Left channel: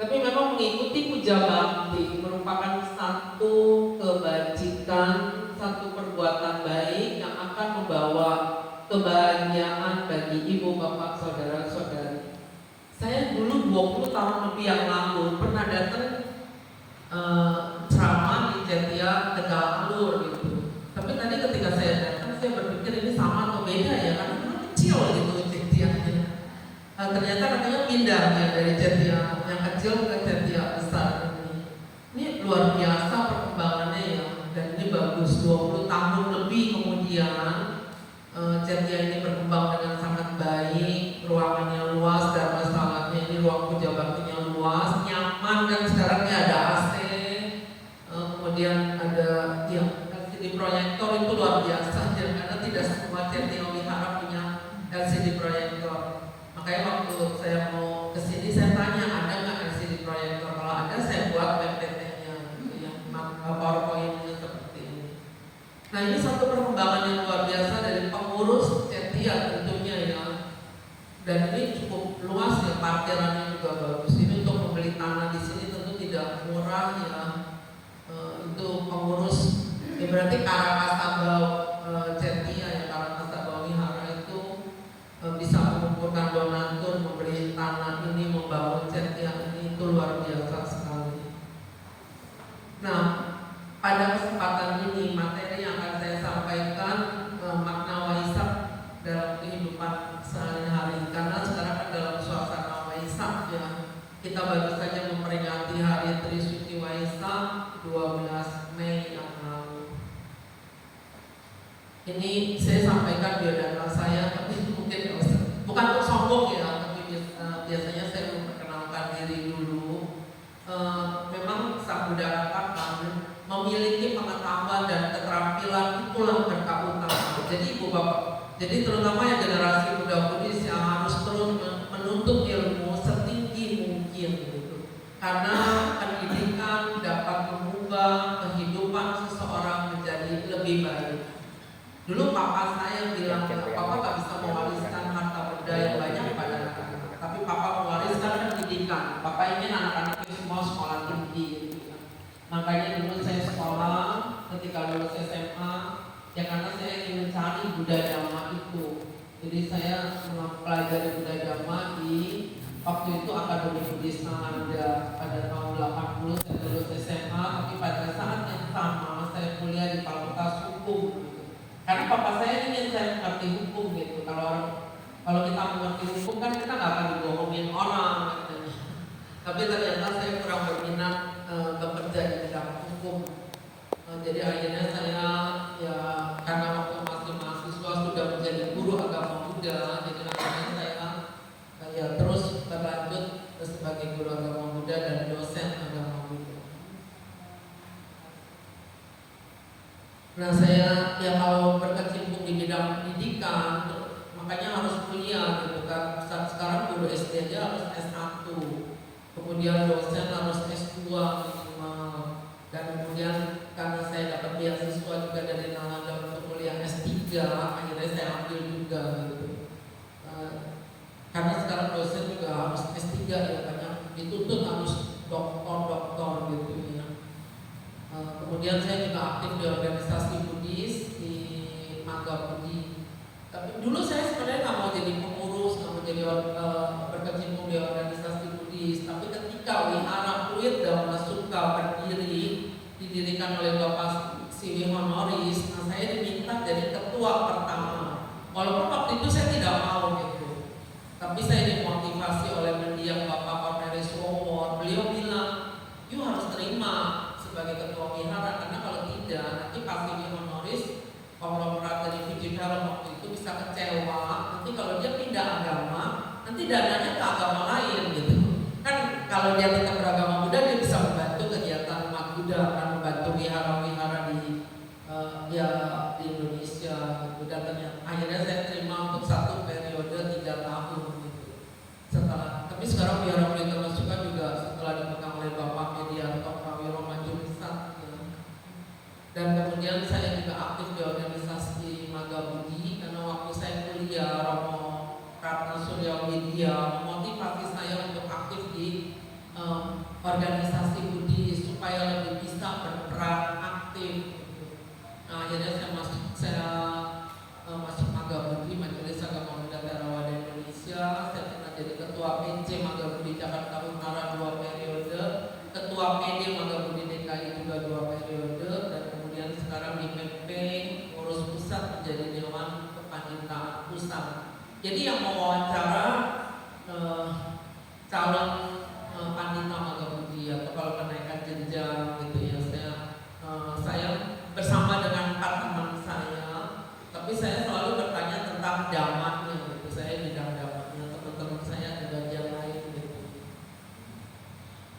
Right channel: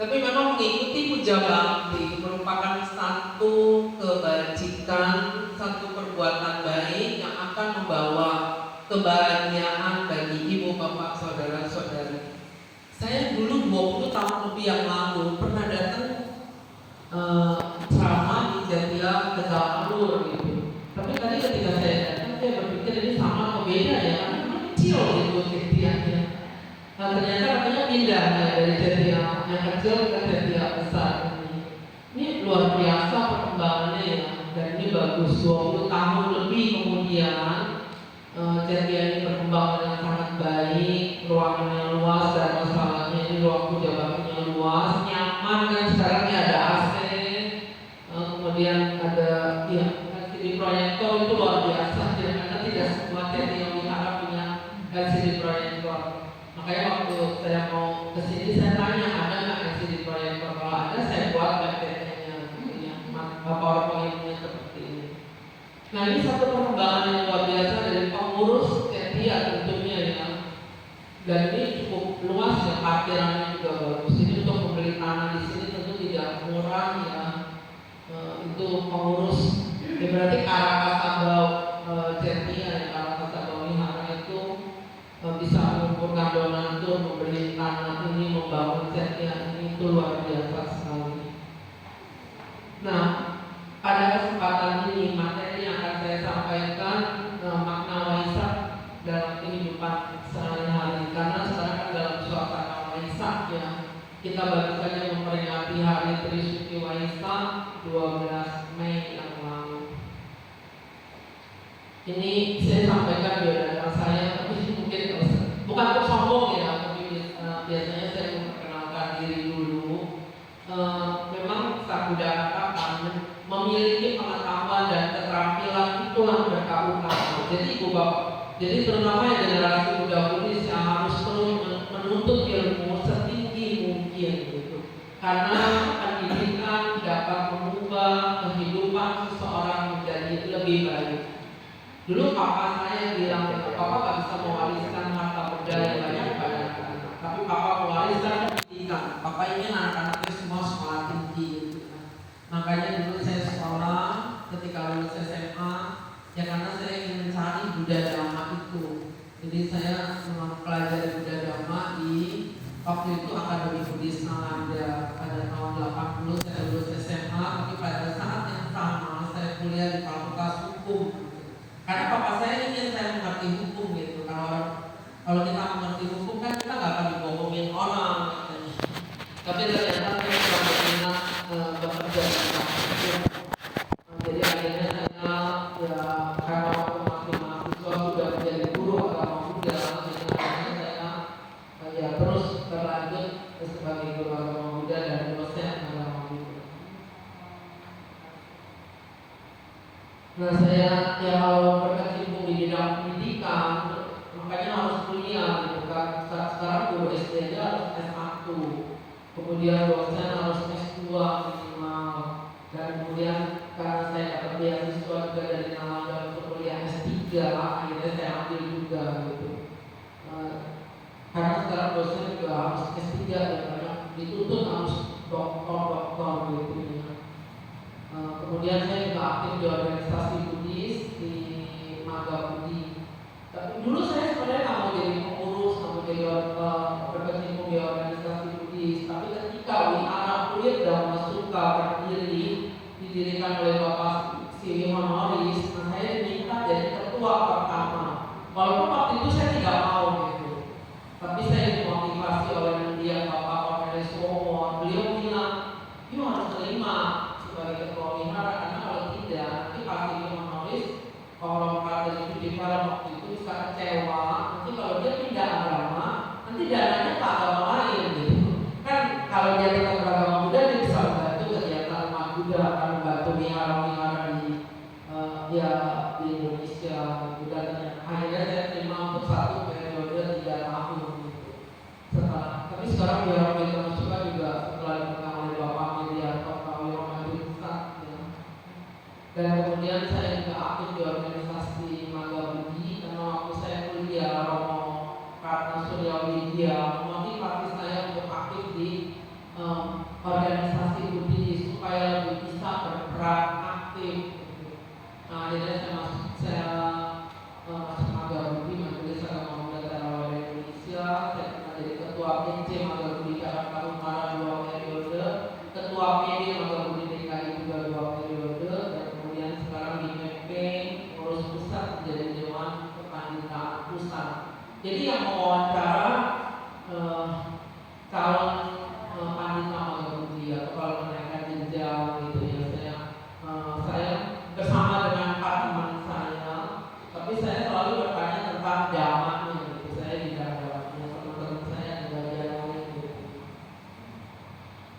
Tapi memang mengikuti puja bakti merupakan satu kebajikan, satu perbuatan baik yang akan membawa kebahagiaan bagi ibu, bapak, saudara-saudari. Saya dulu 20 tahun lebih yang lalu pernah datang ceramah di Jatia Tegal Alur gitu. Tapi tadi ketika saya datang, saya berpikir ini sama atau beda ya, karena dulu kecil gitu Jatianya. Nah, ternyata katanya pindah ya, dari Jatia yang kecil ke Jatia besar ini. Ini luar biasa perkembangannya ya, dan ini bagus. 20 tahun lebih kemudian Jatia ini berkembang dengan sangat baik, ruangannya luas dan masalahnya ini ruang puja baktinya luas, nyaman kan sekarang ini ada AC, kemudian ada ya LCD proyektor itu luar biasa ya, karena tidak semua Jatia Wihara punya LCD proyektor. Makanya waktu saya mau kesini saya tanya ada nggak LCD proyektor, kalau ada saya buat PPT-nya gitu ya, PowerPoint-nya seperti ini. Nah ini satu perkembangan yang luar biasa dari pengurus Jatia tentunya ya, dan ini cukup luas ya, parkirannya juga bagus. Ini untuk membeli tanah di sini tentu tidak murah ya. Itu pengurus ya, berarti Karakasabau Jatia ya, Karakasabau Wihara itu bisa mengumpulkan donatur, membeli tanah ini, membangun Jatia ini, itu luar biasa sekali. Nah, pada kesempatan ini materi yang akan saya sampaikan makna Waisak dalam kehidupan sehari-hari, karena sekarang kan dalam suasana Waisak ya, kita baru saja memperingati hari Trisuci Waisak 12 Mei yang lalu. Ini saya sampaikan biodata saya, tapi mungkin bukan untuk sombong ya, tapi biasanya saya memperkenalkan diri dulu. Memang Sabudara Katan memiliki pengetahuan dan keterampilan itulah berkah utama. Jadi ibu bapak, jadi terutama yang generasi muda Buddhis yang harus terus menuntut ilmu setinggi mungkin gitu. Karena pendidikan dapat mengubah kehidupan seseorang menjadi lebih baik. Dulu papa saya bilang, papa gak bisa mewariskan harta benda yang banyak pada anak-anak, tapi papa mewariskan pendidikan. Papa ingin anak-anaknya semua sekolah tinggi gitu. Makanya dulu saya sekolah, ketika lulus SMA, ya karena saya ingin mencari Buddha Dhamma itu. Jadi saya mempelajari Buddha Dhamma di waktu itu Akademi Buddhis Nalanda. Pada tahun 80 saya lulus SMA, tapi pada saat yang sama saya kuliah di Fakultas Hukum. Karena papa saya ingin saya mengerti hukum gitu. Kalau kita mengerti hukum kan kita nggak akan dibohongin orang katanya. Tapi ternyata saya kurang berminat bekerja di bidang hukum. Jadi akhirnya saya ya karena waktu masih mahasiswa sudah menjadi guru agama Buddha, jadi akhirnya saya ya terus berlanjut sebagai guru agama Buddha dan dosen agama Buddha. Nah saya ya kalau berkecimpung di bidang pendidikan, makanya harus kuliah gitu kan. Sekarang guru SD aja harus S1, kemudian dosen harus S2 minimal, dan kemudian karena saya dapat beasiswa juga dari Nalanda untuk kuliah S3, akhirnya saya ambil juga gitu. Karena sekarang dosen juga harus S3 ya, karena dituntut harus doktor gitu ya. Kemudian saya juga aktif di organisasi Buddhis di Mangga Budi. Tapi dulu saya sebenarnya nggak mau jadi pengurus, nggak mau jadi berkecimpung di organisasi Buddhis. Tapi ketika Wihara Pluit Dhamma Sukha berdiri, didirikan oleh Bapak Siwi Honoris, nah saya diminta jadi ketua pertama. Walaupun waktu itu saya tidak mau gitu, tapi saya dimotivasi oleh mendiang Bapak Cornelis Womor. Beliau bilang, "You harus terima sebagai ketua wihara, karena kalau tidak nanti pasti honoris konglomerat dari Vijayara waktu itu bisa kecewa. Nanti kalau dia pindah agama, nanti dananya ke agama lain gitu. Kan kalau dia tetap beragama Buddha, dia bisa membantu kegiatan umat Buddha, akan membantu wihara-wihara di Indonesia gitu. Dan akhirnya saya terima untuk satu periode 3 tahun gitu. Tapi sekarang wihara Pluit Dhamma Sukha juga setelah dipegang oleh Bapak Medianto dan kemudian saya juga aktif di organisasi Mangga Budi, karena waktu saya kuliah Romo Ratna Surya Widya memotivasi saya untuk aktif di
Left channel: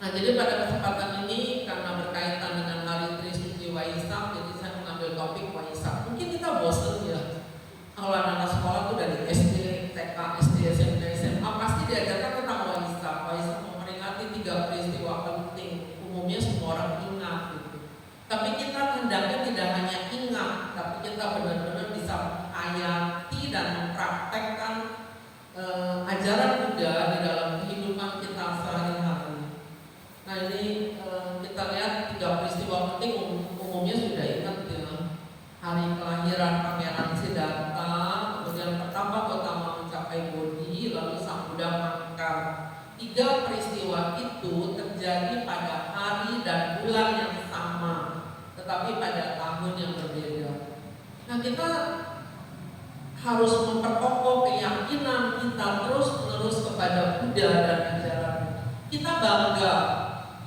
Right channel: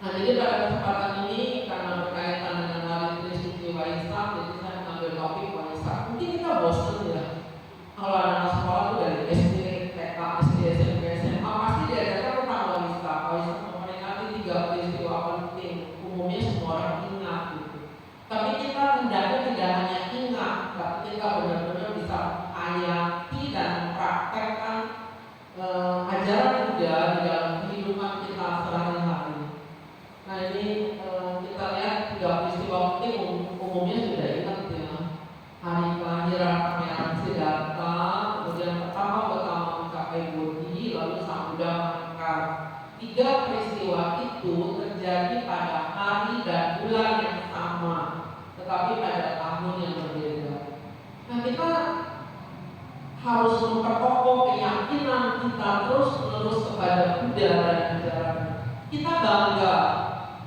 Nah, jadi pada kesempatan ini karena berkaitan dengan Hari Trisuci Waisak, jadi saya mengambil topik Waisak. Mungkin kita bosan ya, kalau anak sekolah tuh dari SD, TK, SD, SMP, SMA pasti diajarkan tentang Waisak. Waisak memperingati 3 peristiwa penting, umumnya semua orang ingat gitu. Tapi kita hendaknya tidak hanya ingat, tapi kita benar-benar bisa hayati dan mempraktekkan ajaran Buddha di dalam kehidupan kita sehari-hari. Nah, ini kita lihat 3 peristiwa penting umumnya sudah ingat ya. Hari kelahiran Pangeran Siddhartha, kemudian pertama Gautama mencapai Bodhi, lalu Sang Buddha mangkat. 3 peristiwa itu terjadi pada hari dan bulan yang sama, tetapi pada tahun yang berbeda. Nah, kita harus memperkokoh keyakinan kita terus-menerus kepada Buddha dan ajarannya. Kita bangga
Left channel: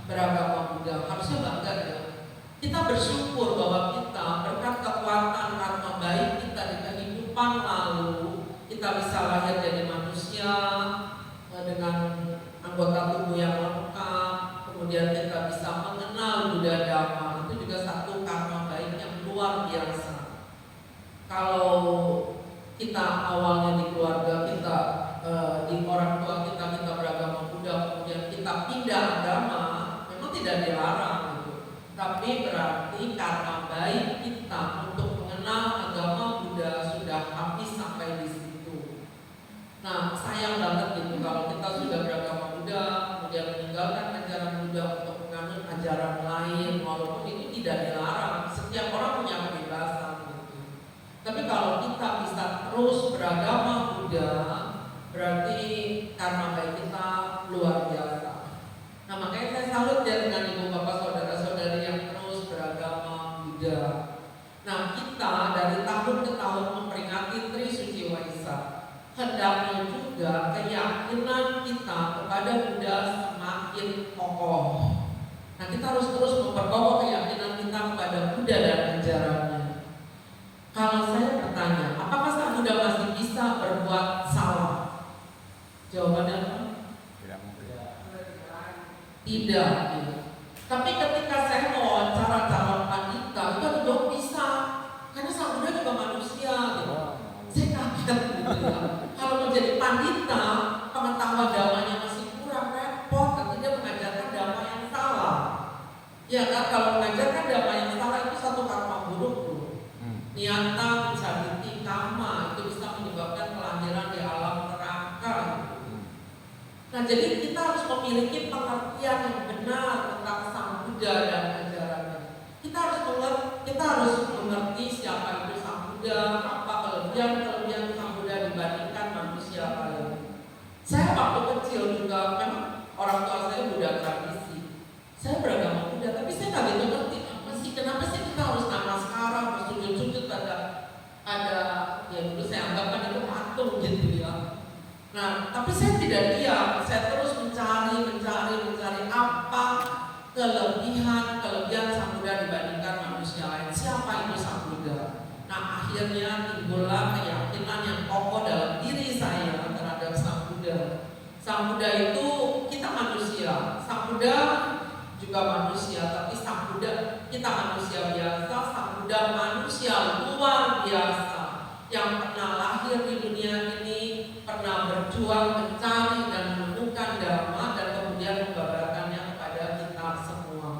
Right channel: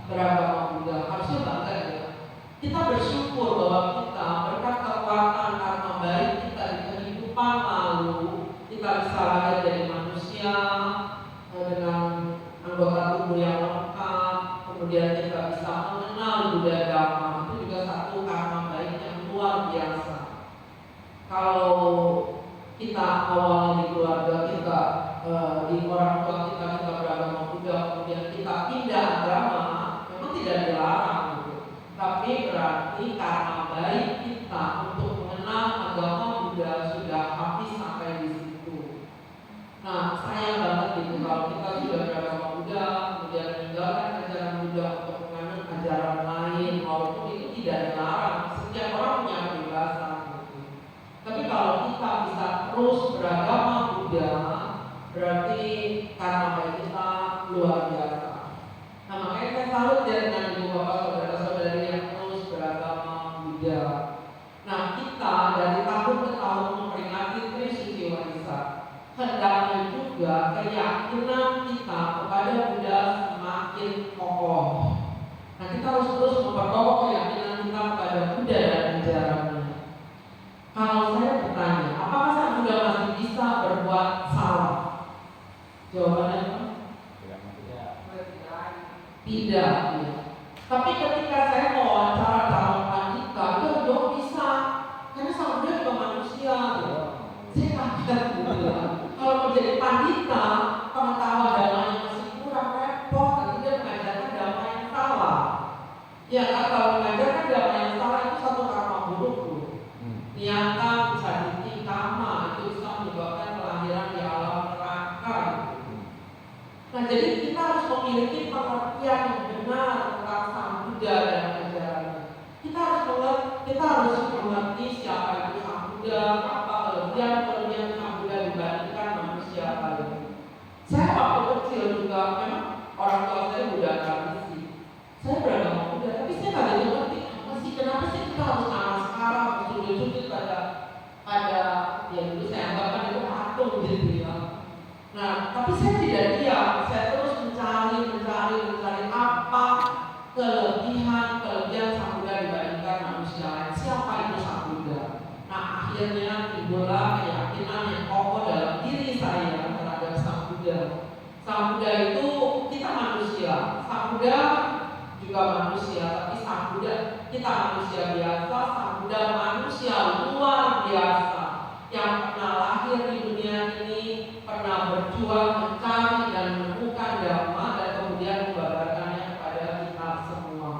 beragama Buddha, harusnya bangga ya. Kita bersyukur bahwa kita berkat kekuatan karma baik kita di kehidupan lalu, kita bisa lahir jadi manusia dengan anggota tubuh yang lengkap, kemudian kita bisa mengenal Buddha Dhamma. Itu juga satu karma baik yang luar biasa. Kalau kita awalnya di keluarga kita, di orang tua kita beragama Buddha, kemudian kita pindah agama, memang tidak dilarang gitu. Tapi berarti karena baik kita untuk mengenal agama Buddha sudah habis sampai di situ. Nah, sayang banget gitu kalau kita sudah beragama Buddha, kemudian meninggalkan ajaran Buddha untuk menganut ajaran lain, walaupun itu tidak dilarang. Setiap orang punya kebebasan gitu. Tapi kalau kita bisa terus beragama Buddha, berarti karena baik kita luar biasa. Nah, makanya saya salut ya dengan ibu bapak saudara-saudari yang terus beragama Buddha. Nah, kita dari tahun ke tahun memperingati Trisuci Waisak, hendaknya juga keyakinan kita kepada Buddha semakin kokoh. Nah, kita harus terus memperkokoh keyakinan kita kepada Buddha dan ajarannya. Kalau saya bertanya, apakah Sang Buddha masih bisa berbuat salah? Jawabannya apa? Tidak ya. Tapi ketika saya mewawancara calon pandita, itu ada jawab bisa, karena Sang Buddha juga manusia gitu. Saya kaget gitu ya. Kalau menjadi pandita, pengetahuan damanya masih kurang, repot, nanti dia mengajarkan dhamma yang salah. Ya kan, kalau mengajarkan dhamma yang salah itu satu karma buruk tuh. Niata mencari kama itu bisa menyebabkan kelahiran di alam neraka. Nah, jadi kita harus memiliki pengertian yang benar tentang Sang Buddha dan ajarannya. Kita harus mengerti siapa itu Sang Buddha, apa kelebihan Sang Buddha dibandingkan manusia lain. Saya waktu kecil juga memang orang tua saya Buddha tradisi. Saya beragama Buddha, tapi saya nggak gitu ngerti kenapa sih kita harus namaskara, bersujud-sujud ada ya dulu saya anggapkan itu patung gitu ya. Nah, tapi saya tidak diam, saya terus mencari apa kelebihan Sang Buddha dibandingkan manusia lain. Siapa itu Sang Buddha? Nah, akhirnya timbullah keyakinan yang kokoh dalam diri saya terhadap Sang Buddha. Sang Buddha itu kita manusia, Sang Buddha juga manusia, tapi Sang Buddha kita manusia biasa, Sang Buddha manusia luar biasa yang pernah lahir di dunia ini, pernah berjuang mencari dan menemukan dhamma dan kemudian membabarkannya kepada kita semua.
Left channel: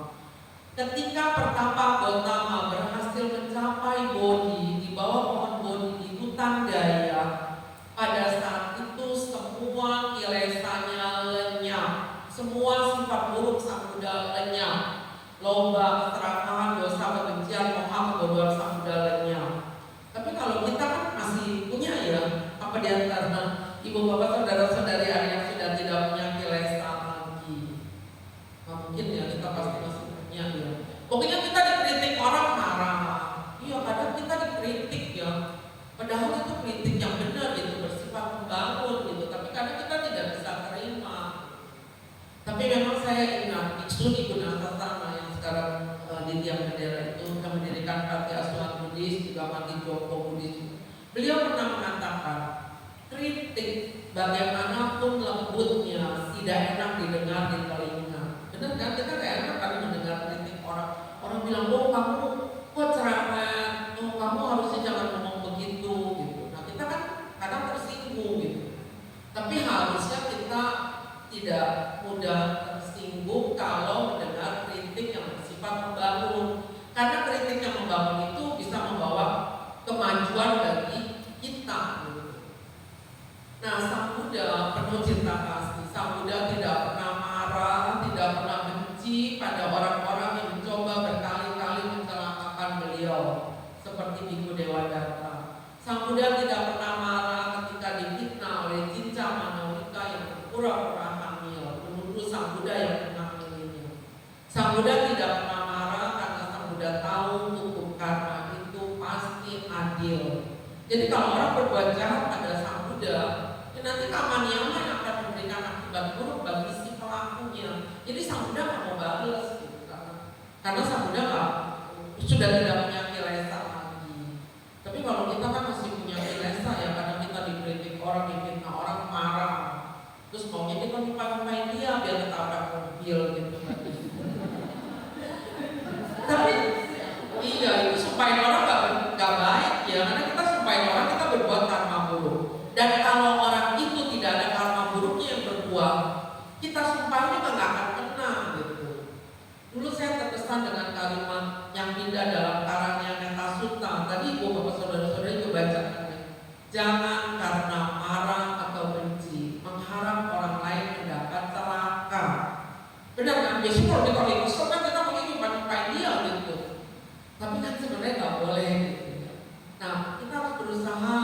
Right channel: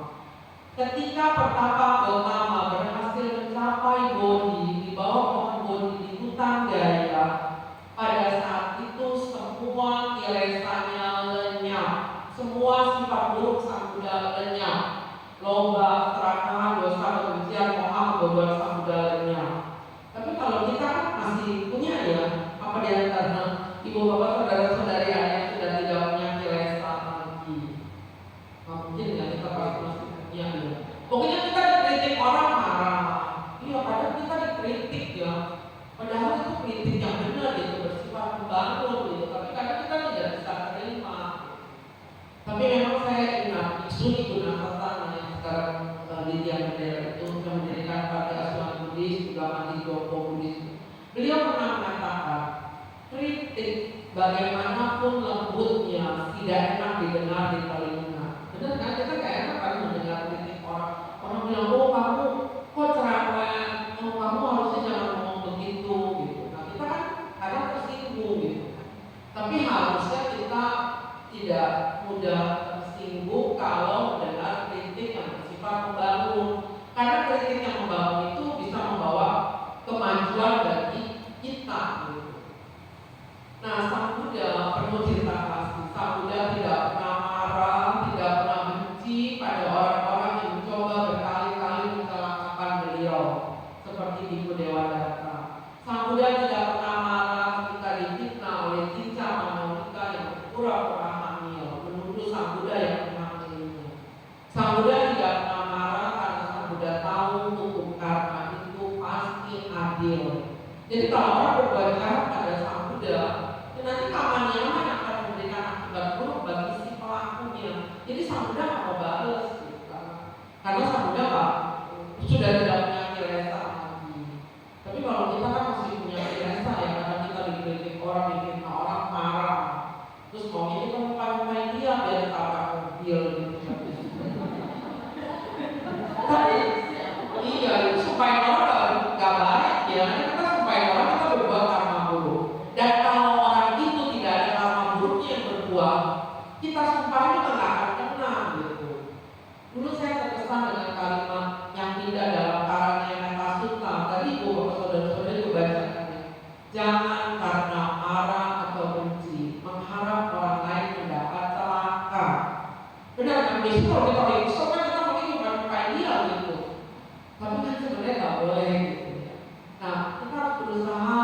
Ketika pertapa Gautama berhasil mencapai Bodhi di bawah pohon Bodhi di hutan Gaya, pada saat itu semua kilesanya lenyap, semua sifat buruk Sang Buddha lenyap, lomba, keserakahan, dosa, kebencian, moha, kebodohan Sang Buddha lenyap. Tapi kalau kita kan masih punya ya, apa di antara ibu bapak saudara-saudari yang sudah tidak punya kilesa lagi. Nah, mungkin ya kita pasti masih punya ya. Pokoknya kita dikritik orang marah. Iya, kadang kita dikritik ya. Padahal itu kritik yang benar gitu, bersifat membangun gitu. Tapi kadang kita tidak bisa terima. Tapi memang saya ingat Biksu di Gunasasana yang sekarang di tiang bendera itu yang mendirikan Panti Asuhan Buddhis, juga Mati Joko Buddhis. Beliau pernah mengatakan kritik bagaimanapun lembutnya tidak enak didengar di telinga. Benar tersinggung kalau mendengar kritik yang bersifat membangun. Karena kritik yang membangun itu bisa membawa kemajuan bagi kita. Nah, Sang Buddha penuh cinta kasih. Sang Buddha tidak pernah marah, tidak pernah benci pada orang-orang yang mencoba berkali-kali mencelakakan beliau, seperti Biku Dewadatta. Sang Buddha tidak pernah marah ketika difitnah oleh Cinca Manawika yang pura-pura hamil, menurut Sang Buddha yang menghamilinya. Sang Buddha tidak pernah marah karena Sang Buddha tahu hukum karma itu pasti adil. Jadi kalau orang berbuat jahat pada Sang Buddha, nanti Kamaniama yang akan memberikan akibat buruk bagi si pelakunya. Jadi Sang Buddha nggak mau balas gitu, karena Sang Buddha sudah tidak punya kilesa lagi. Tapi kalau kita kan masih punya kilesa ya, kadang kita dikritik orang, difitnah orang, marah, terus maunya kita lupain dia biar ditabrak mobil gitu. Tapi iya, itu supaya orang nggak baik ya, karena kita supaya orang kita berbuat karma buruk. Dan kalau orang itu tidak ada karma buruknya yang berbuat, kita sumpah juga nggak akan kena gitu. Dulu saya terkesan dengan kalimat yang indah dalam karangnya Metta Sutta. Tadi ibu bapak saudara-saudara itu bacakan, jangan karena marah atau benci mengharap orang lain mendapat celaka. Benar kan? Biasanya kalau kita lagi kesel kan kita mungkin nyumpahin dia gitu. Tapi kan sebenarnya nggak boleh gitu. Nah, kita harus berusaha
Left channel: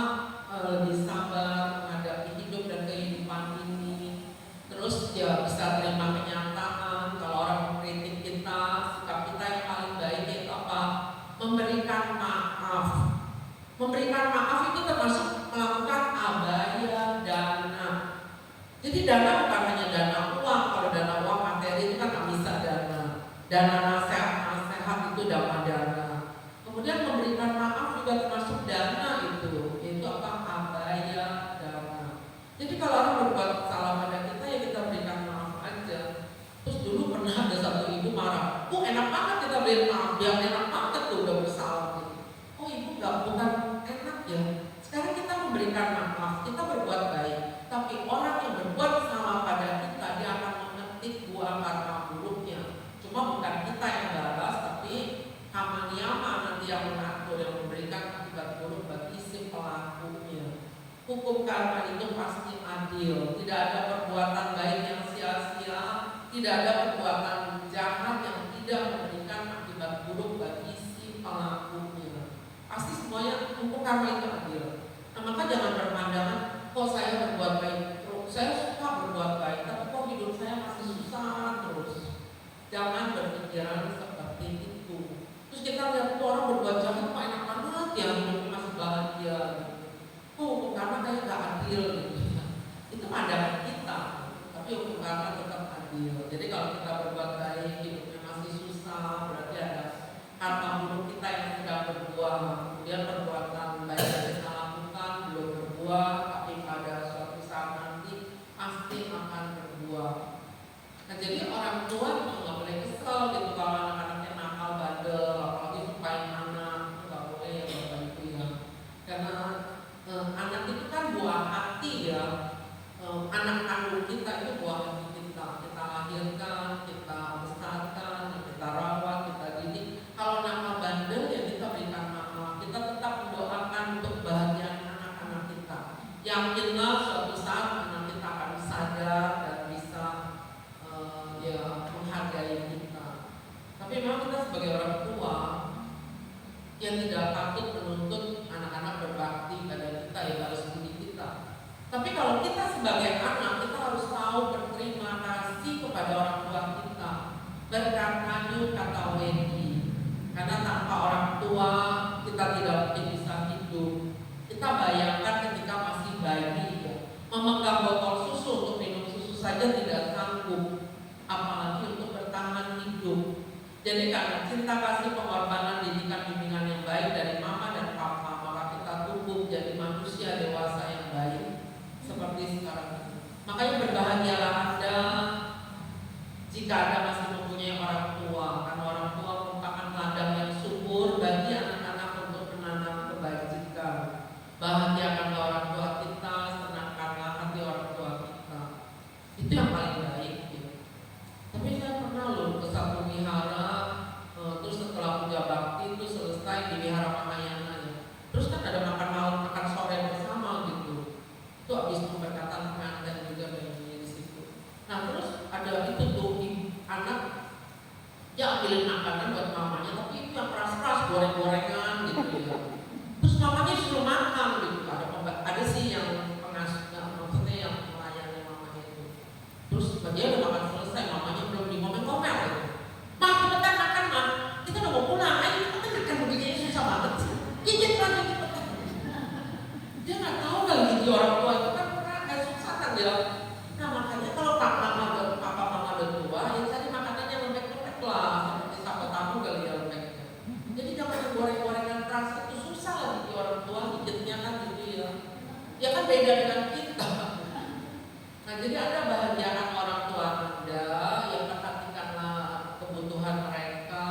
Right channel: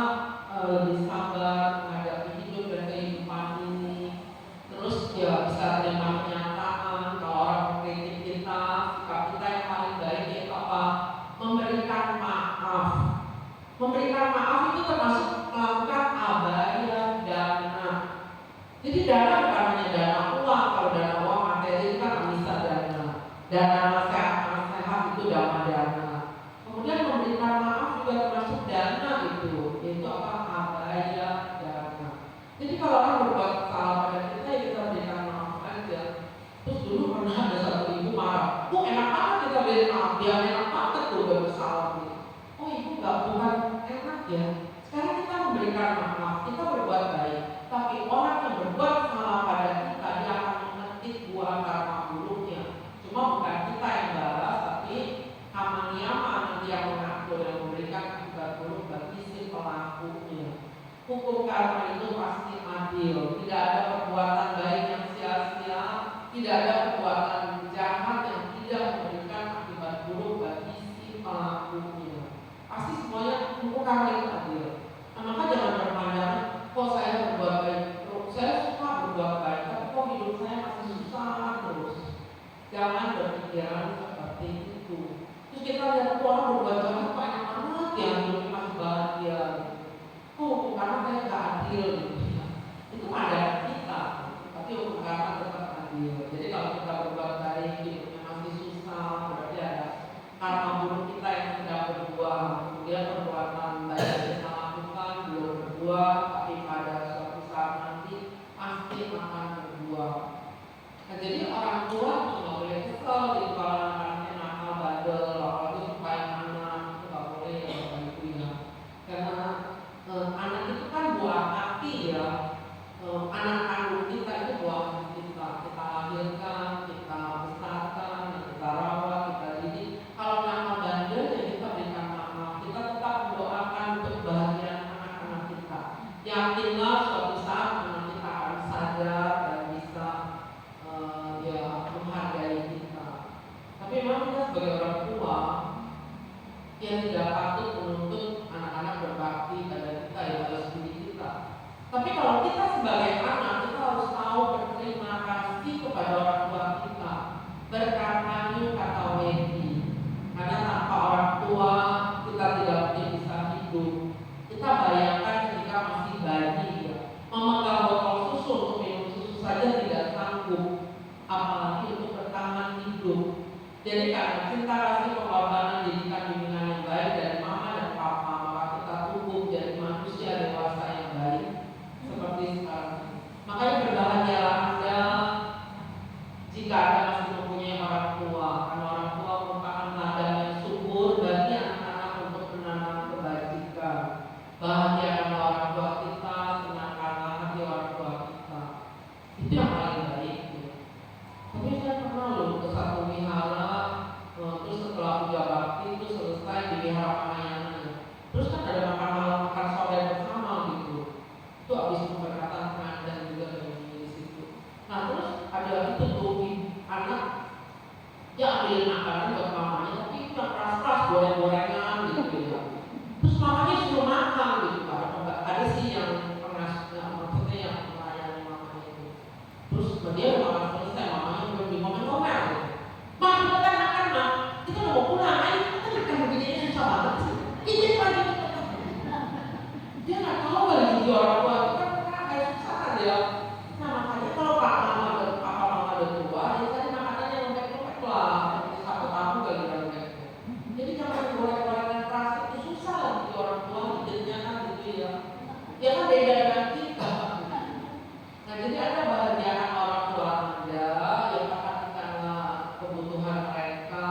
lebih sabar menghadapi hidup dan kehidupan ini. Terus ya bisa terima kenyataan kalau orang mengkritik kita, sikap kita yang paling baik itu apa? Memberikan maaf. Memberikan maaf itu termasuk melakukan abaya dana. Jadi dana bukan hanya dana uang. Kalau dana uang materi itu kan bisa dana. Dana nasihat itu dana dana. Kemudian memberikan maaf juga termasuk dana itu, yaitu apa? Abaya dana. Jadi kalau orang berbuat salah pada kita ya kita berikan maaf aja. Terus dulu pernah ada satu ibu marah, enak banget kita berikan maaf, dia enak banget tuh udah bersalah gitu. Oh ibu bukan enak ya. Sekarang kita memberikan maaf, kita berbuat baik. Tapi orang yang berbuat salah pada kita, dia akan memetik buah karma buruknya. Cuma bukan kita yang balas, tapi Kamaniama nanti yang mengatur dan memberikan akibat buruk bagi si pelakunya. Hukum karma itu pasti adil. Tidak ada perbuatan baik yang sia-sia, tidak ada perbuatan jahat yang tidak memberikan akibat buruk bagi si pelakunya. Pasti semuanya hukum karma itu adil. Nah, maka jangan berpandangan, kok saya berbuat baik terus, saya suka berbuat baik, tapi kok hidup saya masih susah terus. Jangan berpikiran seperti itu. Terus kita lihat orang berbuat jahat kok enak banget ya, hidupnya masih bahagia. Hukum karma kayak gak adil gitu ya. Itu pandangan kita, tapi hukum karma tetap adil. Jadi kalau kita berbuat baik, hidupnya masih susah, berarti ada karma buruk kita yang tidak berbuat. Kemudian perbuatan baik yang kita lakukan belum berbuat, tapi pada suatu saat nanti pasti akan berbuat. Nah, jadi orang tua nggak boleh kesel gitu kalau anak-anaknya nakal, bandel, apalagi supaya anak nggak boleh ya Bapak Ibu ya. Karena anak itu kan buah hati ya. Anak kandung kita itu buah hati kita. Kita lahirkan, kita besarkan, kita rawat, kita didik. Kalau nakal bandel ya kita berikan maaf. Kita tetap mendoakan untuk kebahagiaan anak-anak kita. Yakinlah suatu saat anak kita akan sadar dan bisa ya menghargai kita. Tapi memang kita sebagai orang tua yang tidak patut menuntut anak-anak berbakti pada kita yang harus didik kita. Tapi kalau kita sebagai anak, kita harus tahu berterima kasih kepada orang tua kita, berkatanya kata wedi. Karena tanpa orang tua kita tidak mungkin bisa hidup. Kita bayangkan ketika masih bayi ya, memegang botol susu untuk minum susu saja tidak sanggup, apalagi untuk bertahan hidup. Jadi karena cinta kasih, pengorbanan, didikan, bimbingan yang baik dari mama dan papa, maka kita tumbuh jadi manusia dewasa yang baik seperti sekarang. Makanya berbahagialah Anda jika Anda masih mempunyai orang tua, karena orang tua merupakan ladang yang subur bagi anak-anak untuk menanam kebajikan. Bahagiakanlah orang tua kita, senangkanlah hati orang tua kita. Itu yang paling baik ya. Tapi beliin makanan buat mamanya, tapi itu yang keras-keras, goreng-gorengan gitu ya. Terus mamanya suruh makan gitu. Ada sih yang maksudnya yang melayani mamanya itu. Terus dia udah makan selesai, mamanya belum ngomel gitu. Mak, kita kan makan, Mak. Kita udah mau pulang, ayo kita kan makan begini susah banget sih. Izin lagi cepetan. Dia nggak tahu kali itu orang tua itu kan kayak susah kan dia. Nah makanya kalau papa mama udah tua, ya cari makanan yang lembek-lembek lah, seperti satu tahu kali ya lembek. Jadi jangan goreng-gorengan keras itu susah lah di orang tua hidupnya kan gitu ya. Ya kan beda dengan kita. Nah jadi ada bahagian orang tua Anda yang perhatikanlah kebutuhan mereka.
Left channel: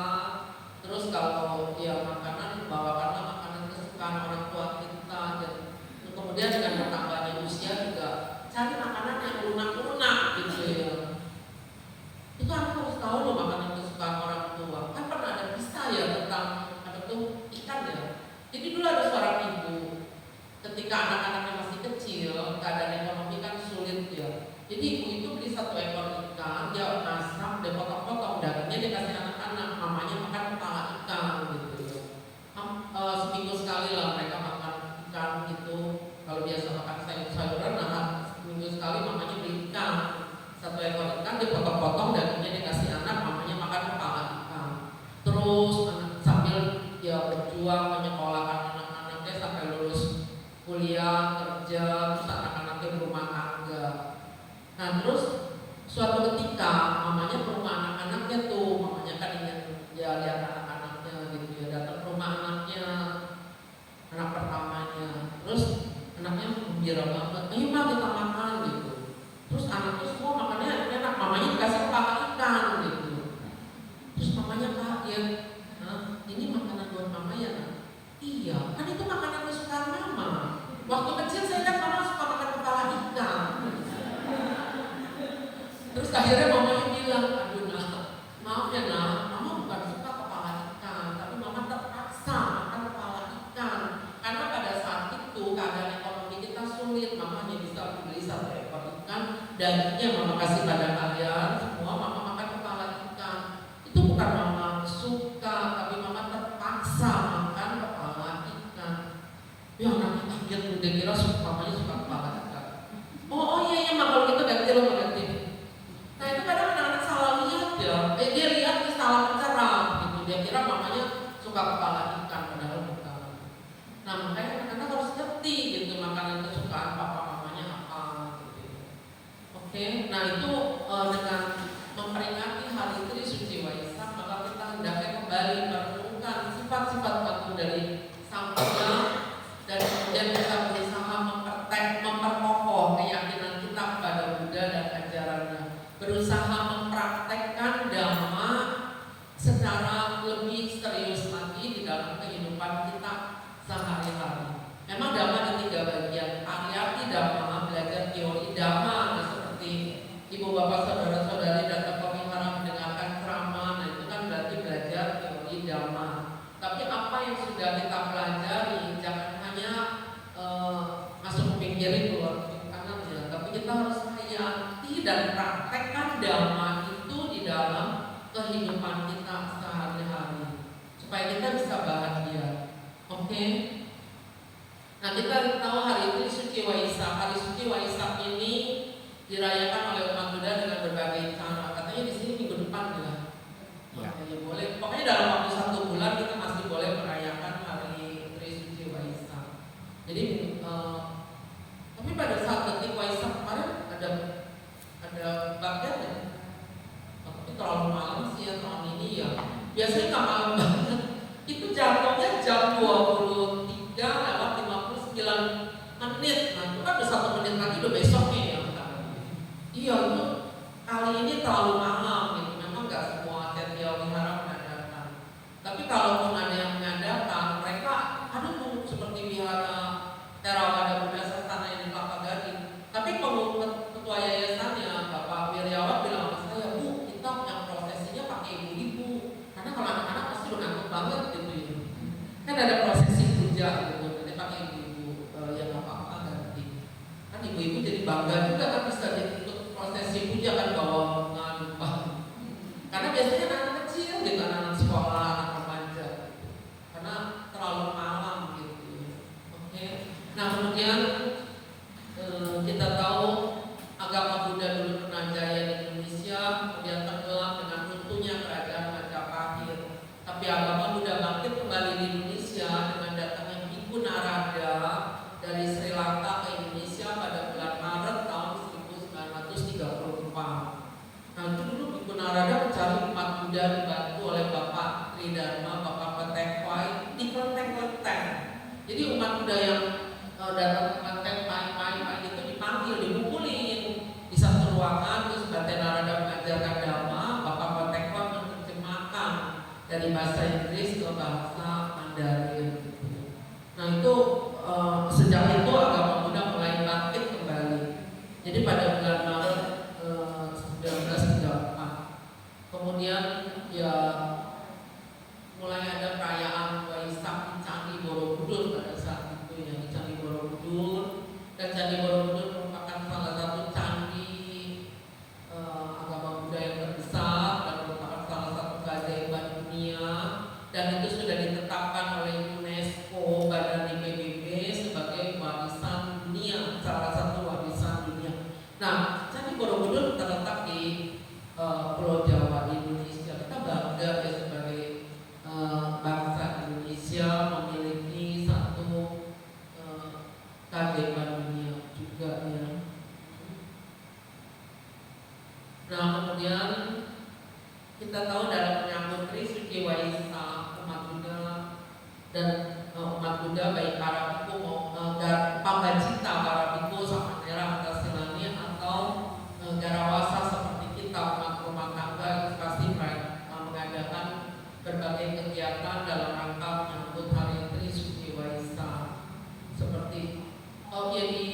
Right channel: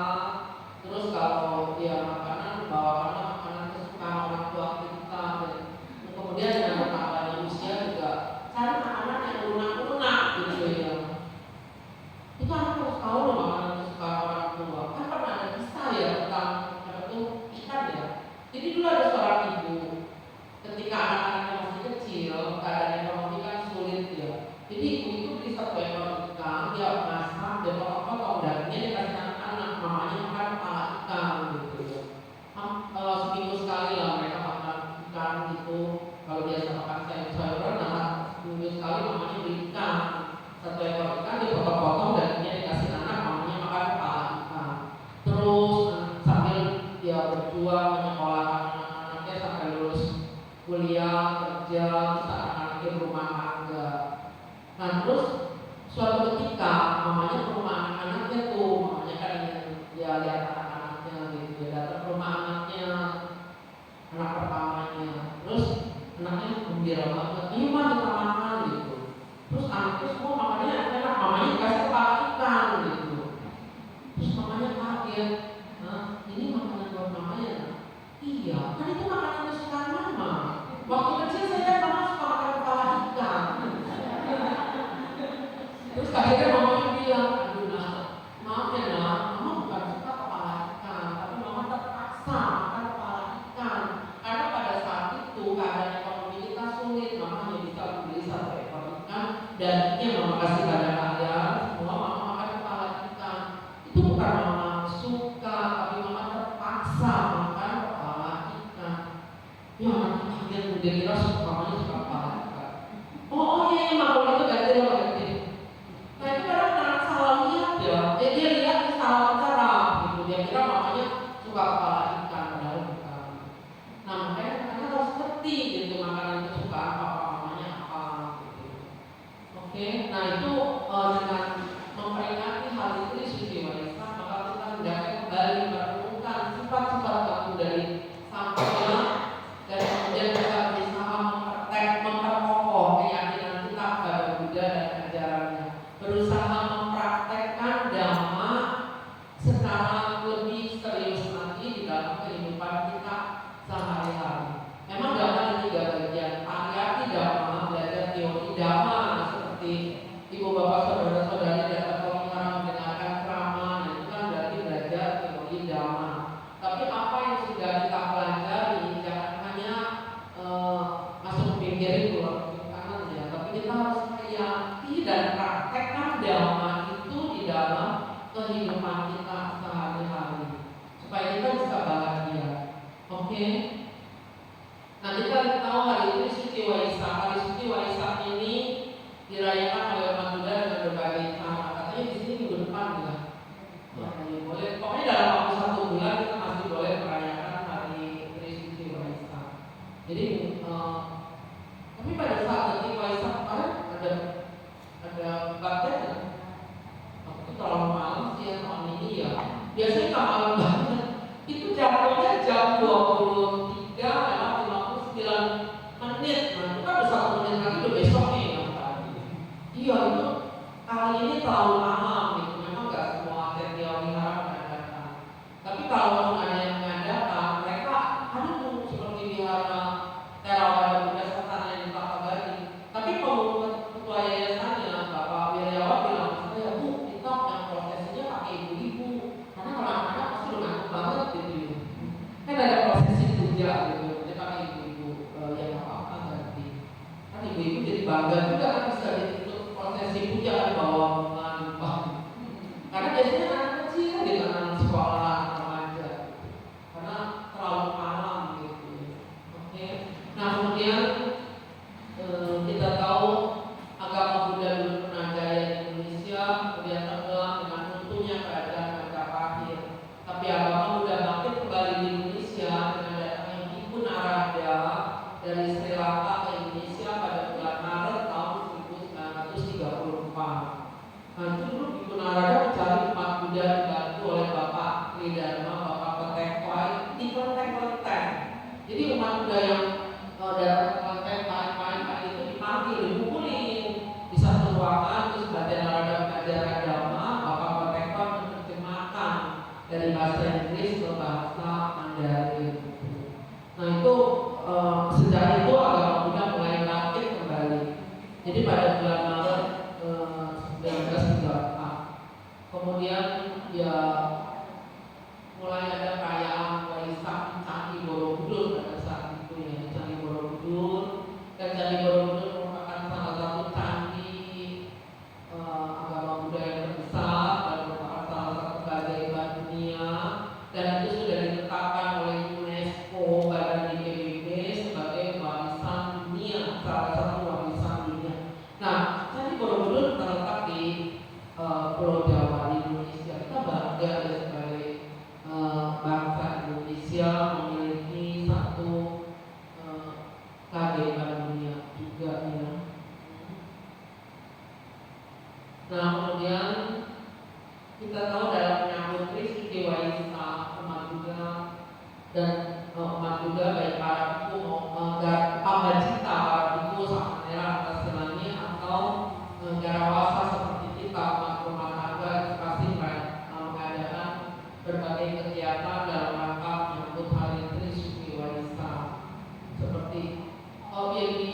Terus kalau ya makanan, bawakanlah makanan kesukaan orang tua kita. Dan kemudian dengan bertambahnya usia juga cari makanan yang lunak-lunak gitu ya. Itu anak harus tahu loh makanan kesukaan orang tua. Kan pernah ada kisah ya tentang apa tuh ikan ya. Jadi dulu ada seorang ibu, ketika anak-anaknya masih kecil, keadaan ekonomi kan sulit ya. Jadi ibu itu beli satu ekor ikan, dia masak, dia potong-potong dagingnya, dia kasih anak-anak, mamanya makan kepala ikan gitu ya. Seminggu sekali lah mereka makan ikan gitu. Kalau biasa makan sayur-sayuran, nah seminggu sekali mamanya beli ikan, satu ekor ikan, dia potong-potong dagingnya, dia kasih anak, mamanya makan kepala ikan. Terus sambil ya berjuang menyekolahkan anak-anaknya sampai lulus kuliah, kerja, terus anak-anaknya berumah tangga. Nah terus suatu ketika mamanya ke rumah anak-anaknya tuh, mamanya kan ingin ya lihat anak-anaknya gitu ya, datang ke rumah anaknya, anak pertamanya. Terus anaknya gembira banget, ayo ma kita makan gitu. Terus anaknya semua makannya enak, mamanya dikasih kepala ikan gitu. Terus mamanya kaget, nah ini makanan buat mama ya nak? Iya, kan itu makanan kesukaan mama. Waktu kecil saya lihat mama suka makan kepala ikan. Terus akhirnya mamanya bilang, aduh nah, maaf ya nah, mama bukan suka kepala ikan, tapi mama terpaksa makan kepala ikan. Karena pada saat itu keadaan ekonomi kita sulit, mama hanya bisa beli satu ekor ikan, dagingnya mama kasih pada kalian, semua mama makan kepala ikan. Itu bukan mama suka, tapi mama terpaksa makan kepala ikan. Ya nanti kaget udah kira mamanya suka kepala ikan. Oh iya mak kalau gitu ganti lo ganti. Nah itu kadang anak salah lihat ya. Dia lihat dia salah mencerah gitu. Dia kira mamanya suka kepala ikan padahal bukan. Nah makanya anak-anak harus ngerti gitu makanan kesukaan papa mamanya apa gitu. Oke, nah itu dengan memperingati hari Trisuci Waisak, maka kita hendaknya kembali merenungkan sifat-sifat baku dari sang Tuhan. Dan kemudian kita berusaha memperkokoh keyakinan kita kepada Buddha dan ajarannya, berusaha mempraktekkan Dhamma secara lebih serius lagi di dalam kehidupan kita sehari-hari. Memang Dhamma ada 3 bagian, pariyati Dhamma, belajar teori Dhamma, nah, seperti ibu bapak saudara-saudari datang ke wihara mendengarkan ceramah, nah itu kan berarti belajar teori Dhamma. Tapi apa yang sudah kita pelajari jangan hanya masuk pikirin keluar kanan ya, tapi kita harus hayati dan praktekkan Dhamma itu di dalam kehidupan kita sehari-hari supaya kita bisa bahagia. Oke? Nah kita tahu hari ini Suci Waisak. Hari Suci Waisak ini dirayakan oleh umat Buddha dengan berbagai cara. Katanya di sini minggu depan ya. Makanya boleh. Pokoknya dalam waktu 1 bulan kita masih boleh merayakan hari Trisuci Waisak. Jadi tapi pada saat detik Waisak kemarin ada babnya kan? Itu terlalu malam sih ya tahun ini ya. Biasanya nggak malam banget. Itu jadwalnya jam 23:59. Nah itu kan udah 1 menit lagi udah besoknya ya. Iya itu kali ini terlalu malam gitu. Memang nggak semua Setia Wihara mengadakan. Tapi kalau ada yang mengadakan, mereka ada tuh seperti Wihara Theravada Buddha Sasana yang di Kelapa Gading. Tapi ketua yayasannya Bapak Wiryawan bilang sama saya, Bu, kita yang prosesinya pakai ibu-ibu. Karena kalau anak-anak pasti Muda dibantu oleh Bapak Tridharma, Bapak Petekwai di kelenteng-kelenteng. Jadi umat muda yang datang ke kelenteng pagi-pagi itu dipanggil, dipukulin di satu ruangan, terus Bapak Narada mengajarkan dhamma, Bapak Petekwai menerjemahkan dari bahasa Inggris ke bahasa Mandarin. Nah itu sejak itu agama Buddha mulai bangkit kembali. Jadi pada bulan Maret 1934, kemudian ya mulai ada perayaan Waisak di Candi Borobudur pada saat itu ya, di Candi Borobudur. Dan Candi Borobudur merupakan salah satu candi agama Buddha yang terbesar dan merupakan salah satu keajaiban dunia, dan itu sudah ditetapkan oleh UNESCO Badan PBB sebagai warisan dunia, salah satu warisan dunia. Nah, Candi Borobudur terletak di Pulau Jawa di Indonesia. Kita bangga ya sebagai bangsa Indonesia memiliki satu keajaiban dunia juga ya. Nah kemudian kita tahu dalam menyambut Trisuci Waisak, umat Buddha dan umat Buddha baik para biku Pambajita, para biku Samanera atas senangnya atau Garawasa seperti kita umat rumah tangga itu pasti mengadakan berbagai kegiatan dalam rangka menyambut hari Trisuci Waisak. Seperti ya di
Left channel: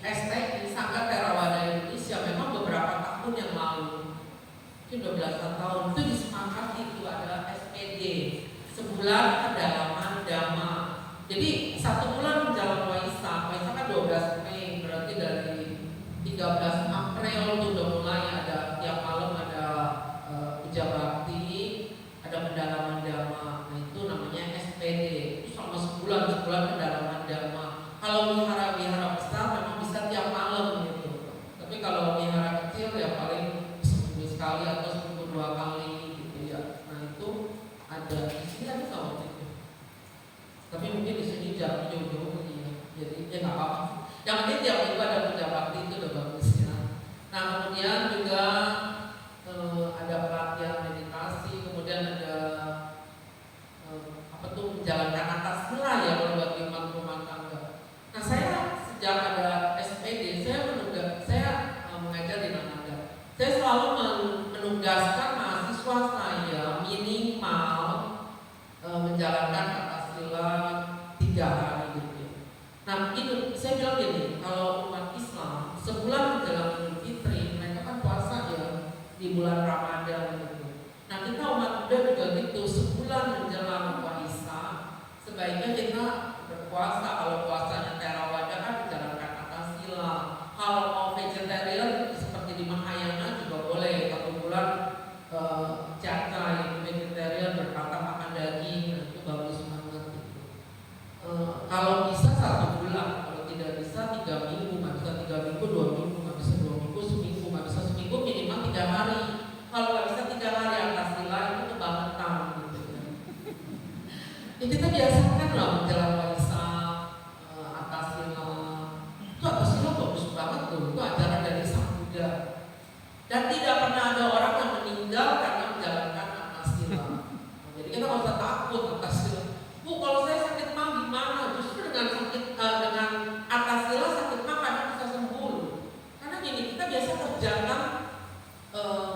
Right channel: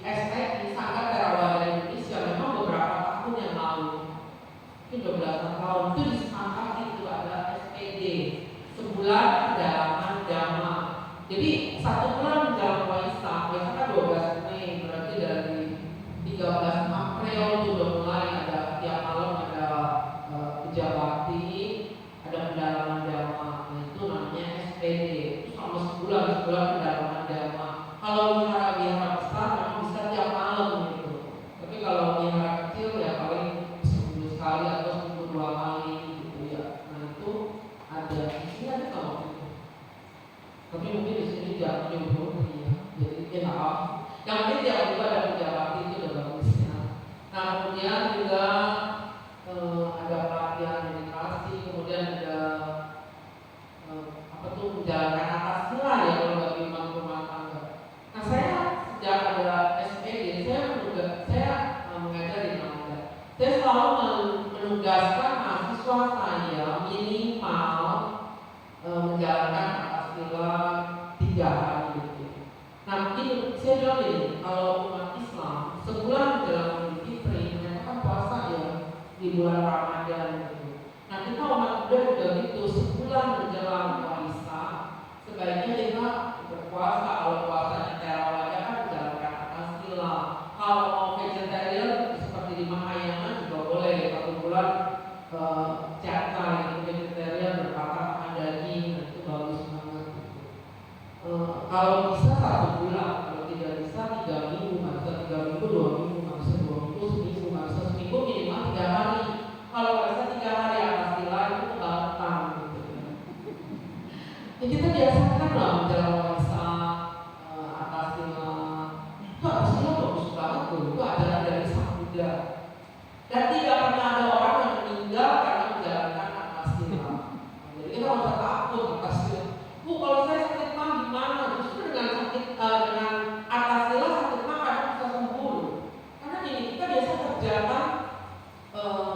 STI Sangga Theravada Indonesia memang beberapa tahun yang lalu, mungkin 12 tahun itu disepakati itu ada SPD sebulan pendalaman dhamma. Jadi 1 bulan menjelang Waisak, Waisak kan 12 Mei, berarti dari 13 April itu udah mulai ada tiap malam ada puja bakti, ada pendalaman dhamma. Nah itu namanya SPD. Itu selama sebulan pendalaman dhamma. Kalau wihara-wihara besar memang bisa tiap malam gitu. Tapi kalau wihara kecil ya paling seminggu sekali atau seminggu 2 kali gitu ya. Nah itu ada di sini ada waktu itu. Tapi mungkin di sini jangan jauh-jauh ya. Jadi ya nggak apa-apa. Yang penting tiap minggu ada puja bakti itu udah bagus ya. Nah kemudian juga ada pelatihan meditasi, kemudian ada menjalankan atas sila ya kalau bagi umat rumah tangga. Nah saya sejak ada SPD saya mengajar di Nalanda. Saya selalu menugaskan mahasiswa saya minimal menjalankan atas sila 3 hari gitu. Nah ini saya bilang gini, kalau umat Islam sebulan menjelang Idul Fitri mereka kan puasa ya di bulan Ramadan gitu. Nah kita umat Buddha juga gitu, sebulan menjelang Waisak sebaiknya kita berpuasa. Kalau puasanya Theravada kan menjalankan atas sila. Kalau mau vegetarian seperti di Mahayana juga boleh 1 bulan jaka itu vegetarian, berkata makan daging, itu bagus banget gitu. Kalau bisa 1 bulan, kalau tidak bisa 3 minggu, nggak bisa 3 minggu 2 minggu, nggak bisa 2 minggu seminggu, nggak bisa seminggu minimal 3 hari. Kalau nggak bisa 3 hari atas sila itu kebangetan gitu. Ya kita biasakan lah menjelang Waisak atas sila. Itu atas sila bagus banget tuh, itu ajaran dari Sang Buddha. Dan tidak pernah ada orang yang meninggal karena menjalankan atas sila. Jadi kita nggak usah takut atas sila. Bu, kalau saya sakit mah gimana? Justru dengan dengan atas sila sakit mah kadang bisa sembuh. Karena gini, kita biasa kerjakan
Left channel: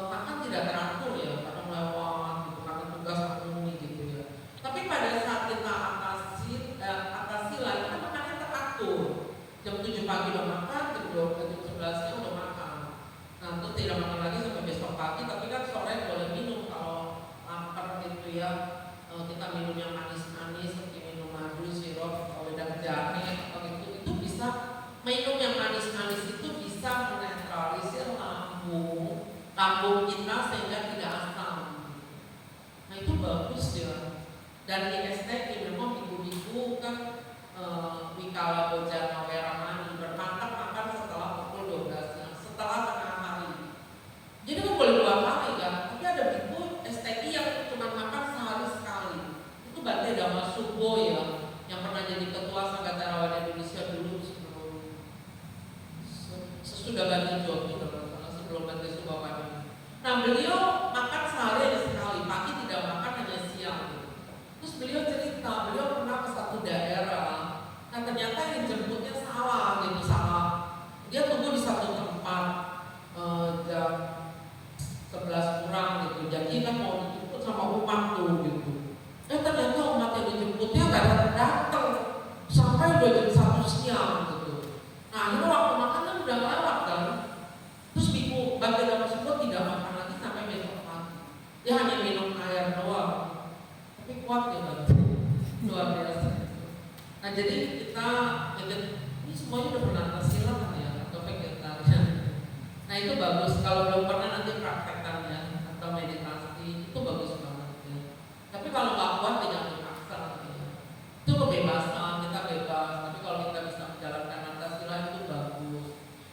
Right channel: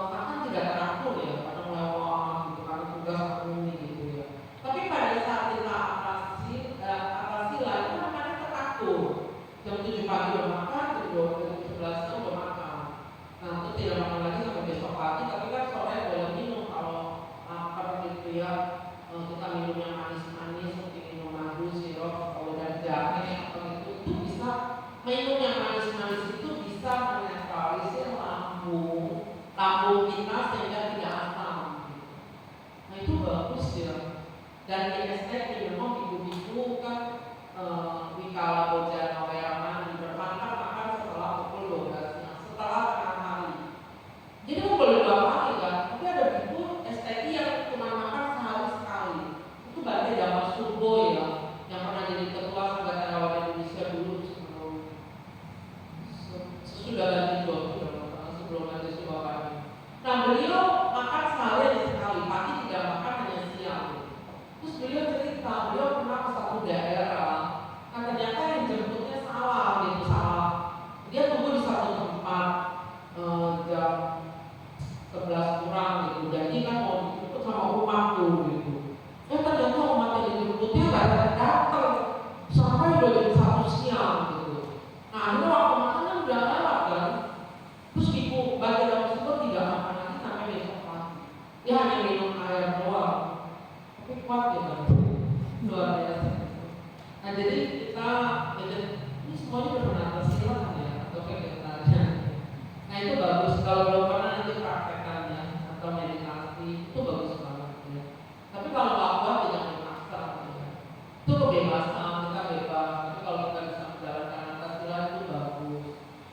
akan tidak teratur ya, kadang lewat gitu karena tugas ini gitu ya. Tapi pada saat kita atas sila kita makannya teratur. Jam 7 pagi udah makan, jam 11 siang udah makan. Nah itu tidak makan lagi sampai besok pagi, tapi kan sore boleh minum kalau lapar gitu ya. Kita minum yang manis-manis seperti minum madu, sirup, wedang jahe atau itu bisa. Minum yang manis-manis itu bisa menetralisir lambung kita sehingga tidak asam. Nah itu bagus ya. Dan di STI memang biku-biku kan Wikala Bojana Weramani bermantap makan setelah pukul 12 ya, setelah tengah hari. Jadi kan boleh 2 kali kan, tapi ada biku STI yang cuma makan sehari sekali. Itu Bante Dhamma Subbo ya, yang pernah jadi ketua Sangga Theravada Indonesia dulu sesudah Bante Jogi sebelum Bante Subakani. Nah beliau makan sehari ada sekali. Dia hanya minum air doang, tapi kuat ya Bang, luar biasa. Nah jadi kita ini semuanya udah pernah tersilat ya atau vegetarian. Nah itu bagus, kalau belum pernah nanti praktekkannya atau meditasi itu bagus banget ya. Tapi kalau nggak kuat ya jangan dipaksa ya. Itu kebebasan, kita bebas. Tapi kalau kita bisa menjalankan Antasila itu bagus.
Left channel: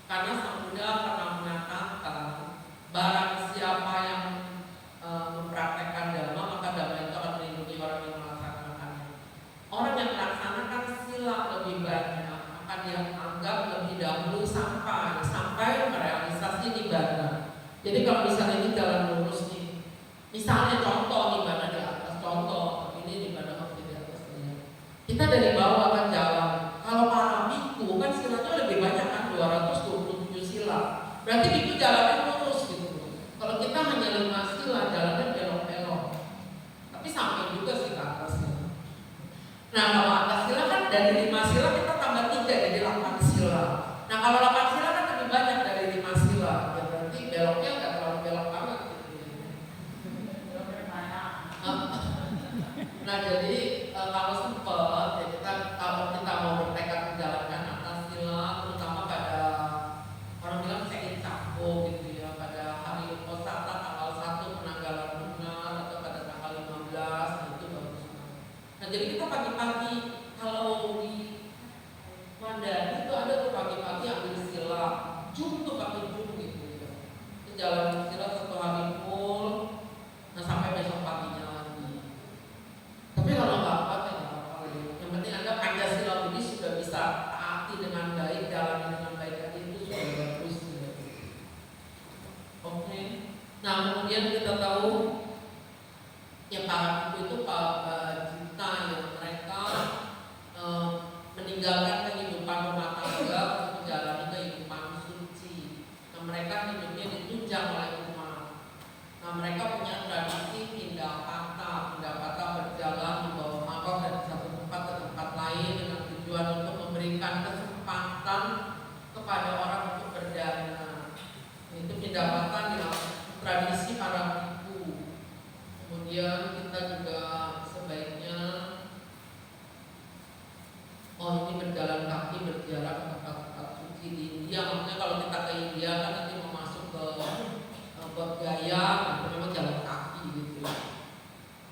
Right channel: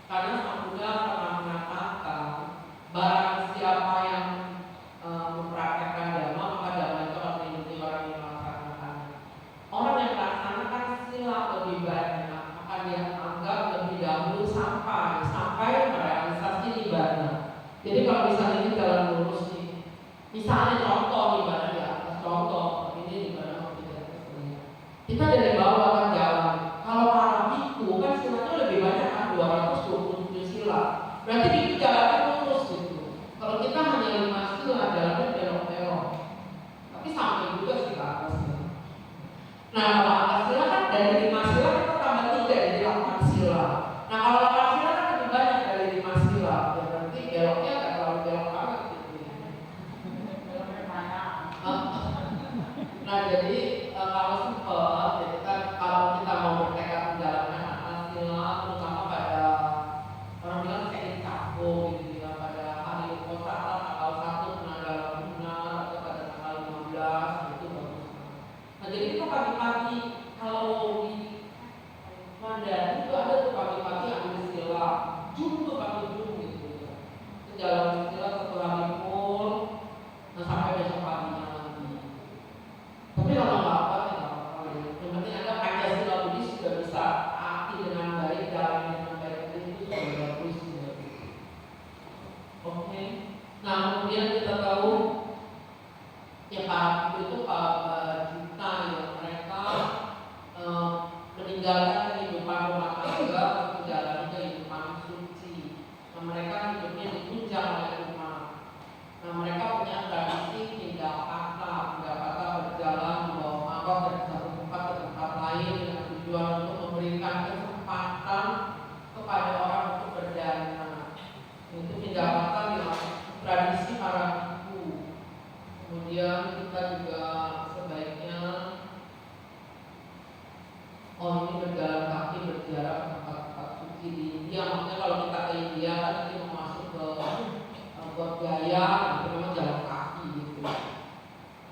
Karena Sang Buddha pernah mengatakan barang siapa yang mempraktekkan dhamma maka dhamma itu akan melindungi orang yang melaksanakannya. Orang yang melaksanakan sila lebih banyak akan dia anggap lebih dahulu sampai merealisasi nibbana. Jadi kalau misalnya ini jalan lurus nih, misalnya contoh nibbana di atas, contoh ini nibbana di atas nih. Kita dari bawah akan jalan. Kalau para biku kan silanya lebih banyak kan 227 sila. Berarti itu jalannya lurus gitu. Kalau kita hanya 5 sila jalannya belok-belok. Tapi sampai juga sih ke atas. Nah kalau atas sila kan dari 5 sila kita tambah 3 jadi 8 sila. Nah kalau 8 sila kan lebih banyak dari 5 sila. Ya berarti beloknya nggak terlalu belok banget gitu ya. Nah jadi kalau simpel ya kalau kita mau bertekad menjalankan atas sila, terutama pada orang bilang check-in cakbo gitu ya, pada hari Uposatha tanggal 1 penanggalan lunar atau pada tanggal 15 itu bagus. Nah jadi kita pagi-pagi kalau di Mandari itu ada tuh pagi-pagi ambil sila, jum tuh pakai jum gitu ya. Jalan sila satu hari full, nah sampai besok paginya lagi. Tapi kalau nggak kuat ya nggak apa-apa ya. Yang penting Anda Pancasila Buddhis sudah bisa taati dengan baik, jalan dengan baik itu sudah bagus ya. Oke. Nah kemudian kita tahu ya para itu para cinta yang mereka meninggalkan kehidupan rumah tangga untuk menjalani kehidupan suci. Nah mereka hidupnya ditunjang oleh umat. Nah mereka punya tradisi pindapata berjalan membawa mangkok dari satu tempat ke tempat lain dengan tujuan untuk memberikan kesempatan kepada orang untuk berdana. Itu pindapata yang tradisi para biku. Kemudian kita juga sebaiknya ini berjalan kaki berjarak ke tempat-tempat suci di India. Maksudnya kalau kita ke India kan nanti mau masuk ke buat gaya, itu memang jalan kaki gitu.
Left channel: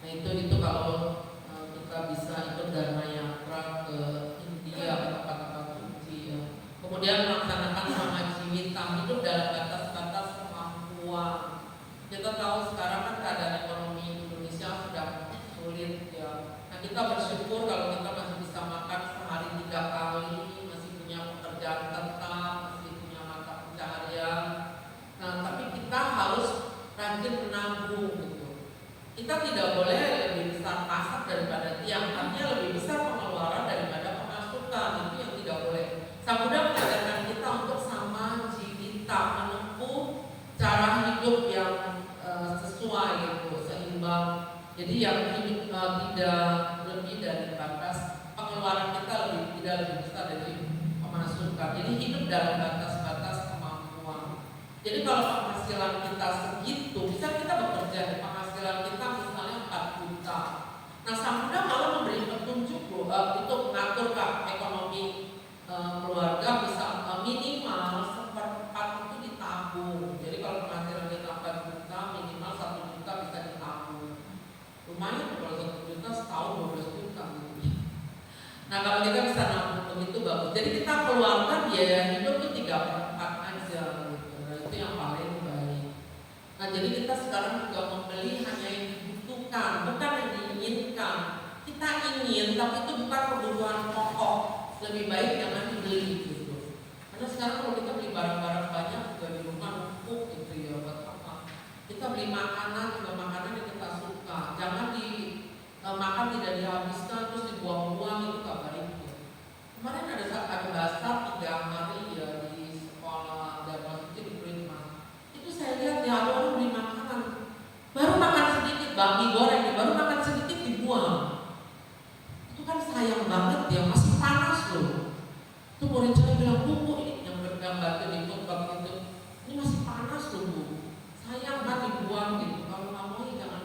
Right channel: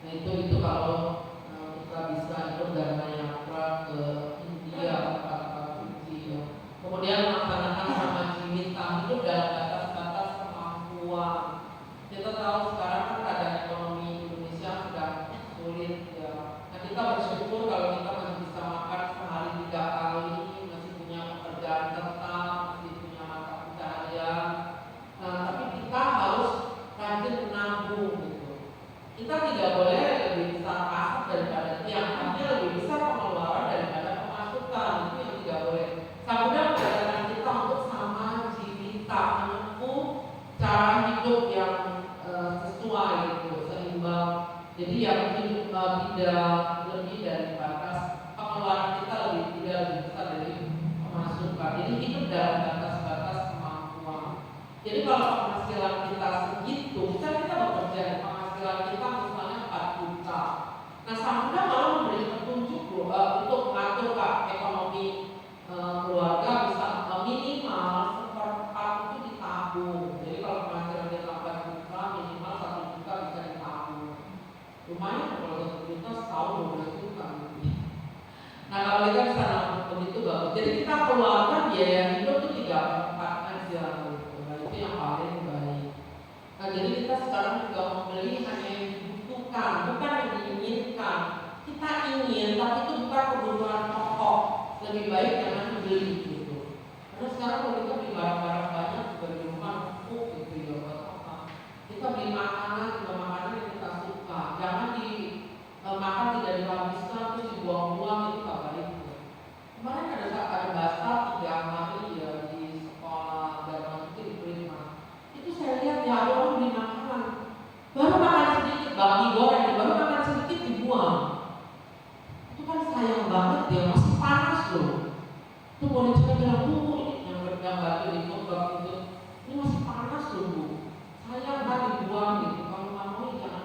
Nah itu kalau kita bisa ikut Dharma Yatra ke India ke tempat-tempat suci ya. Kemudian melaksanakan sama jiwita, hidup dalam batas-batas kemampuan. Kita tahu sekarang kan keadaan ekonomi Indonesia sudah sulit ya. Nah kita bersyukur kalau kita masih bisa makan sehari 3 kali, masih punya pekerjaan tetap, masih punya mata pencaharian. Nah tapi kita harus rajin menabung gitu. Kita tidak boleh lebih besar pasar daripada tiang, artinya lebih besar pengeluaran daripada pemasukan. Itu yang tidak boleh. Sang Buddha mengajarkan kita untuk sama jiwita, menempuh cara hidup yang sesuai gitu, seimbang. Jadi yang hidup tidak lebih dari batas pengeluaran kita tidak lebih besar dari pemasukan. Jadi hidup dalam batas-batas kemampuan. Jadi kalau penghasilan kita segitu, bisa kita bekerja di penghasilan kita misalnya 4 juta. Nah Sang Buddha malah memberi petunjuk untuk mengatur ekonomi keluarga bisa minimal 1/4 itu ditabung. Jadi kalau penghasilan kita 4 juta, minimal 1 juta bisa ditabung. Lumayan kalau 1 juta setahun 12 juta gitu. Nah kalau kita bisa nabung itu bagus. Jadi kita keluarkan biaya hidup itu 3/4 aja gitu. Nah itu yang paling baik. Nah jadi kita sekarang juga membeli hanya yang dibutuhkan, bukan yang diinginkan. Kita ingin, tapi itu bukan kebutuhan pokok. Lebih baik jangan dibeli gitu. Karena sekarang kalau kita beli barang-barang banyak juga di rumah numpuk gitu ya buat apa? Kita beli makanan juga makanan yang kita suka. Jangan makan tidak dihabiskan terus dibuang-buang, itu gak baik ya. Kemarin ada bahasa 3 hari ya di sekolah Dharma Suci di Prima. Itu saya lihat ya ada orang beli makanan, baru makan sedikit babi goreng, baru makan sedikit dibuang. Itu kan sayang banget ya, masih panas loh. Itu murid saya bilang, Bu, ini yang bergambar di khotbah itu, ini masih panas loh Bu, sayang kan dibuang gitu. Kalau nggak mau jangan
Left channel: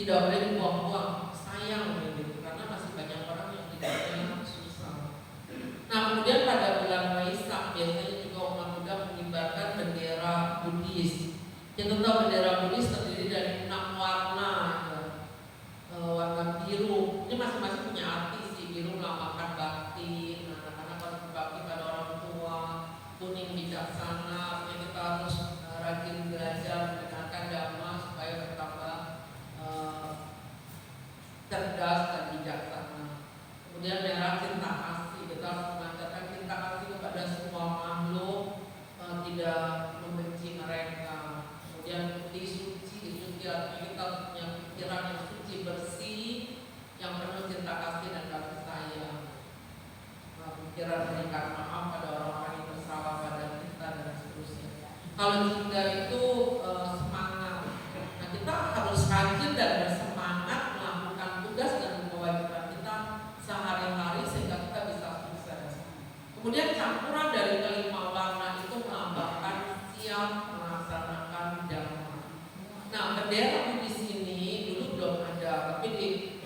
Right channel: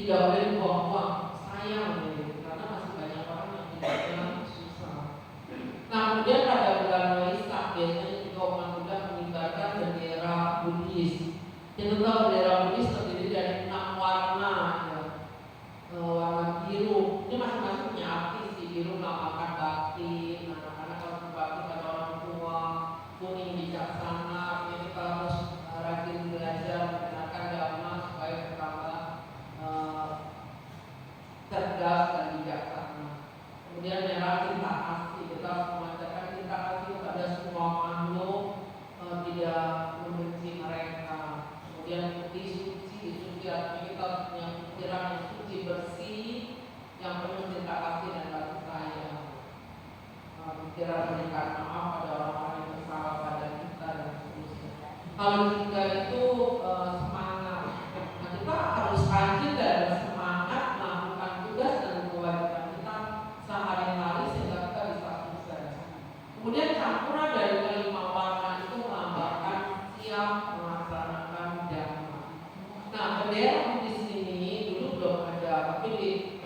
tidak boleh dibuang-buang, sayang gitu, karena masih banyak orang yang hidupnya susah. Nah, kemudian pada bulan Waisak biasanya juga umat Buddha mengibarkan bendera Buddhis. Kita tahu bendera Buddhis terdiri dari 6 warna, ya. Warna biru, ini masing-masing punya arti sih. Biru melambangkan bakti, anak-anak harus berbakti pada orang tua. Kuning bijaksana, ini kita harus rajin belajar mendengarkan dhamma supaya bertambah cerdas dan bijaksana. Kemudian merah cinta kasih, kita harus mengajarkan cinta kasih kepada semua makhluk, tidak membenci mereka. Kemudian putih suci artinya kita punya pikiran yang suci bersih, yang penuh cinta kasih dan kasih sayang. Pikiran memberikan maaf pada orang-orang yang bersalah pada kita dan seterusnya. Kalau jingga itu semangat, nah kita harus rajin dan bersemangat melakukan tugas dan kewajiban kita sehari-hari sehingga kita bisa sukses. Kemudian campuran dari kelima warna itu melambangkan siap melaksanakan dhamma. Nah, bendera di sini dulu belum ada, tapi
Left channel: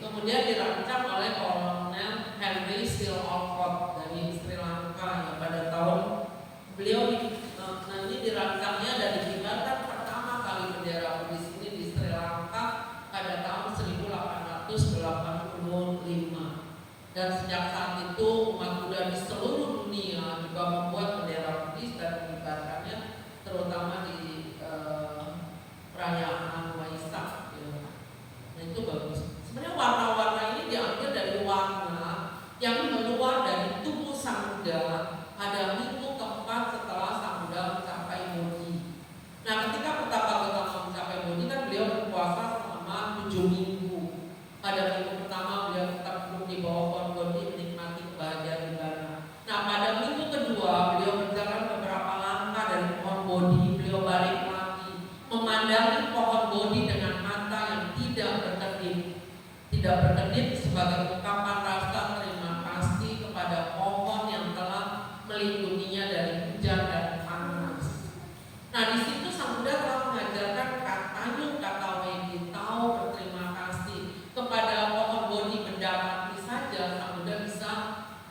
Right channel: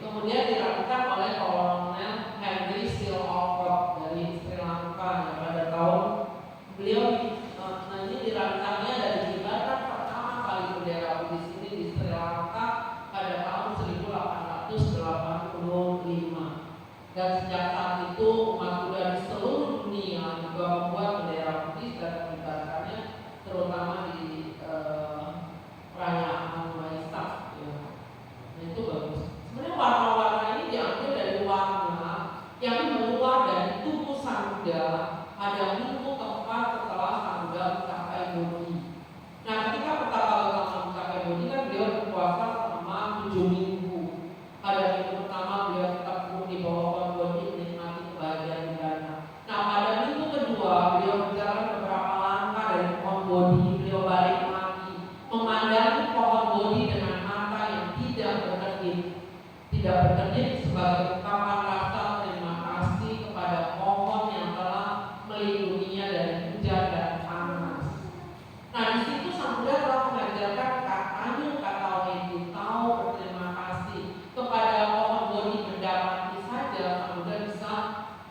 kemudian dirancang oleh Kolonel Henry Steele Olcott dari Sri Lanka ya, pada tahun beliau ini dirancangnya dan dikibarkan pertama kali bendera di sini di Sri Lanka pada tahun 1885. Dan sejak saat itu umat Buddha di seluruh dunia juga membuat bendera Buddhis dan mengibarkannya terutama di perayaan Waisak ya. Nah itu bagus. Sebenarnya warna-warna ini diambil dari warna yang keluar dari tubuh Sang Buddha pada minggu keempat setelah Sang Buddha mencapai Bodhi. Nah ketika pertama mencapai Bodhi kan beliau berpuasa selama 7 minggu. Pada minggu pertama beliau tetap duduk di bawah pohon Bodhi menikmati kebahagiaan buddhanya. Nah pada minggu kedua beliau berjalan beberapa langkah dari pohon Bodhi. Beliau balik lagi memandangi pohon Bodhi dengan mata yang tidak berkedip sebagai ungkapan rasa terima kasih kepada pohon yang telah melindunginya dari hujan dan panas. Nah di situ Sang Buddha telah mengajarkan kata weditau berterima kasih kepada pohon Bodhi benda mati saja. Sang Buddha bisa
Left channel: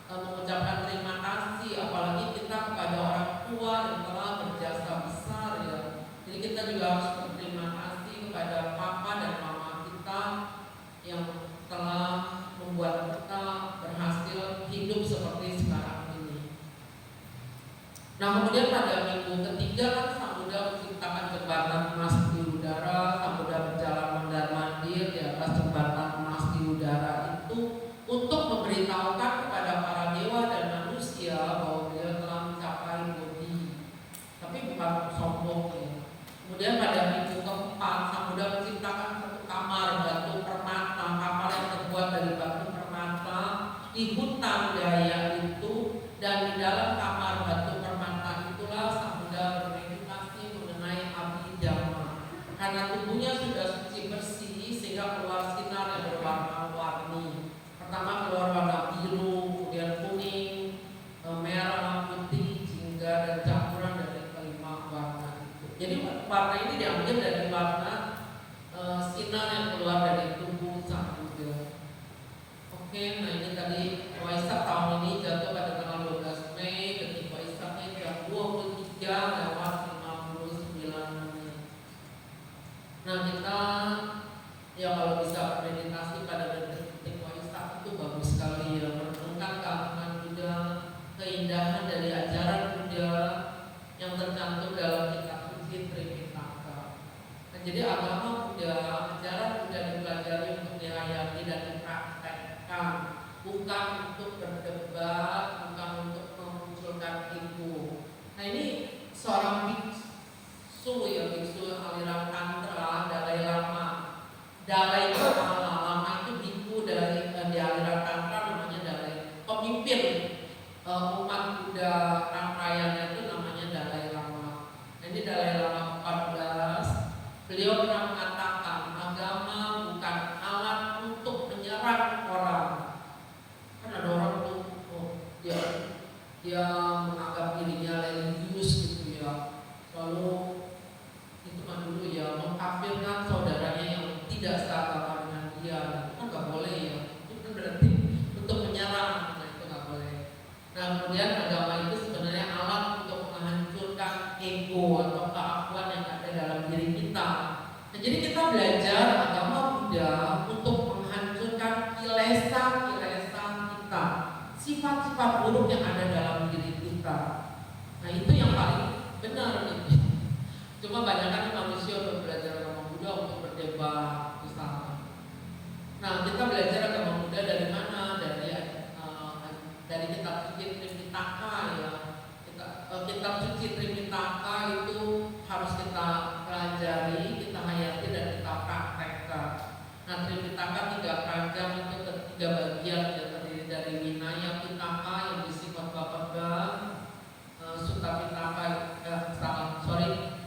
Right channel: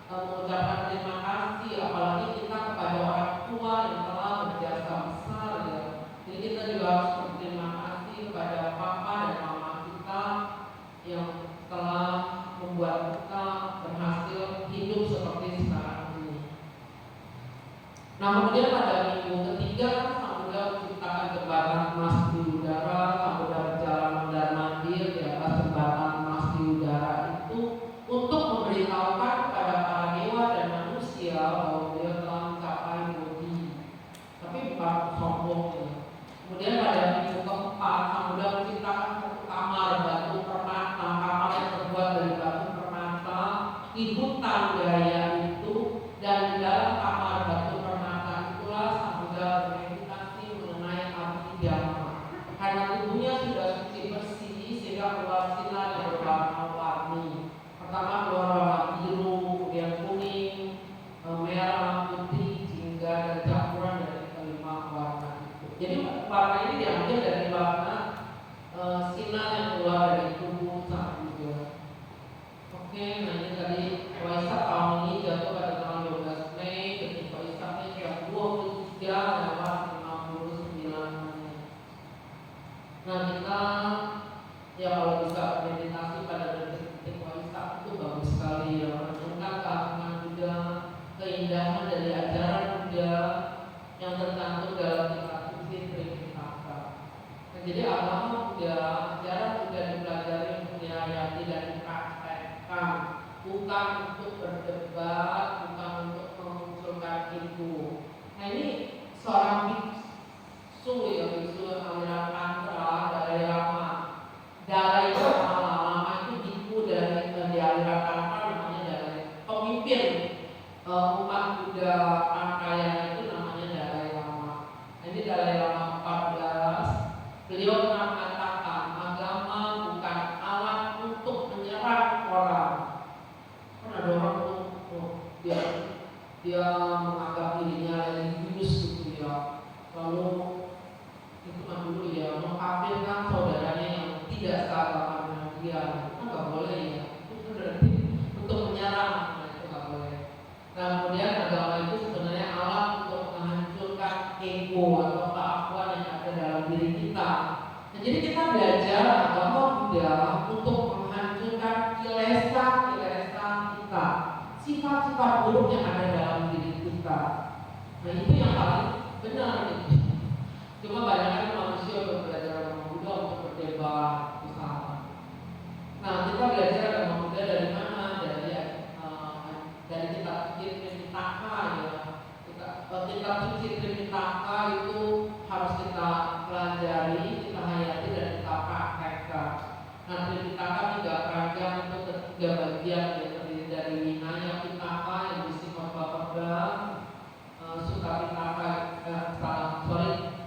mengucapkan terima kasih, apalagi kita kepada orang tua yang telah berjasa besar ya. Jadi kita juga harus berterima kasih kepada papa dan mama kita yang telah membuat kita berhasil hidup seperti sekarang ini. Nah kemudian pada minggu ketiga kan Sang Buddha menciptakan jembatan emas di udara. Sang Buddha berjalan mondar-mandir di atas jembatan emas di udara itu untuk memberitahukan kepada para dewa dan manusia bahwa beliau telah mencapai Bodhi. Tapi bukan sombong ya. Kemudian pada minggu keempat Sang Buddha menciptakan kamar batu permata, kamar yang terbuat dari batu permata di hutan Gaya itu, dan di dalam kamar batu permata itulah Sang Buddha bermeditasi mengenai Abhidhamma. Karena tubuhnya sudah suci bersih sehingga keluar sinar yang berwarna-warni. Pertama keluar warna biru, kemudian kuning, merah, putih, jingga dan campuran dari kelima warna itu. Jadi warna ini diambil dari warna sinar yang keluar dari tubuh Sang Buddha. Oke, nah ini tadi Waisak tahun ini jatuh pada tanggal 12 Mei, detik Waisaknya jam 23:59. Nah kita ya kalau bisa meditasi pada detik Waisak itu bagus sekali ya, merenungkan keagungan Buddha, keindahan dari ajaran Buddha yang tercantum dalam kitab suci Tripitaka. Nah, jadi agama Buddha, ajaran Buddha dipelajari untuk dihayati dan dipraktekkan, bukan untuk berdebat, bukan untuk memunculkan ego. Nah ini seorang biksu ya, biksu aliran Tantra, Dalai Lama. Dalai Lama itu biku dari di aliran Tantra namanya Dalai, pemimpin umat Buddha Tantrayana itu namanya Dalai Lama. Nah, ini Dalai Lama 14. Beliau pernah mengatakan agama bukan alat untuk menyerang orang. Kan ada orang tuh dia menganggap dirinya religius gitu ya, lalu itu dulu ya mengkafirkan saudaranya yang tidak seagama Jadi kita belajar agama Buddha untuk menghancurkan kilesa-kilesa kita, sifat-sifat buruk yang ada dalam diri kita. Nah itu yang paling benar nih. Cuma banyak kan manusia untuk belajar agama Buddha untuk berdebat misalnya. Nah kita belajar agama Buddha dari mana? Dari kitab suci Tripitaka ya. Kitab suci Tripitaka itu harus kita pelajari, kita hayati dan kita praktekkan. Nah Tripitaka 3 ragam itu 3 bagian yang terdiri dari Vinaya Pitaka yang berisi khotbah, Sutta Pitaka,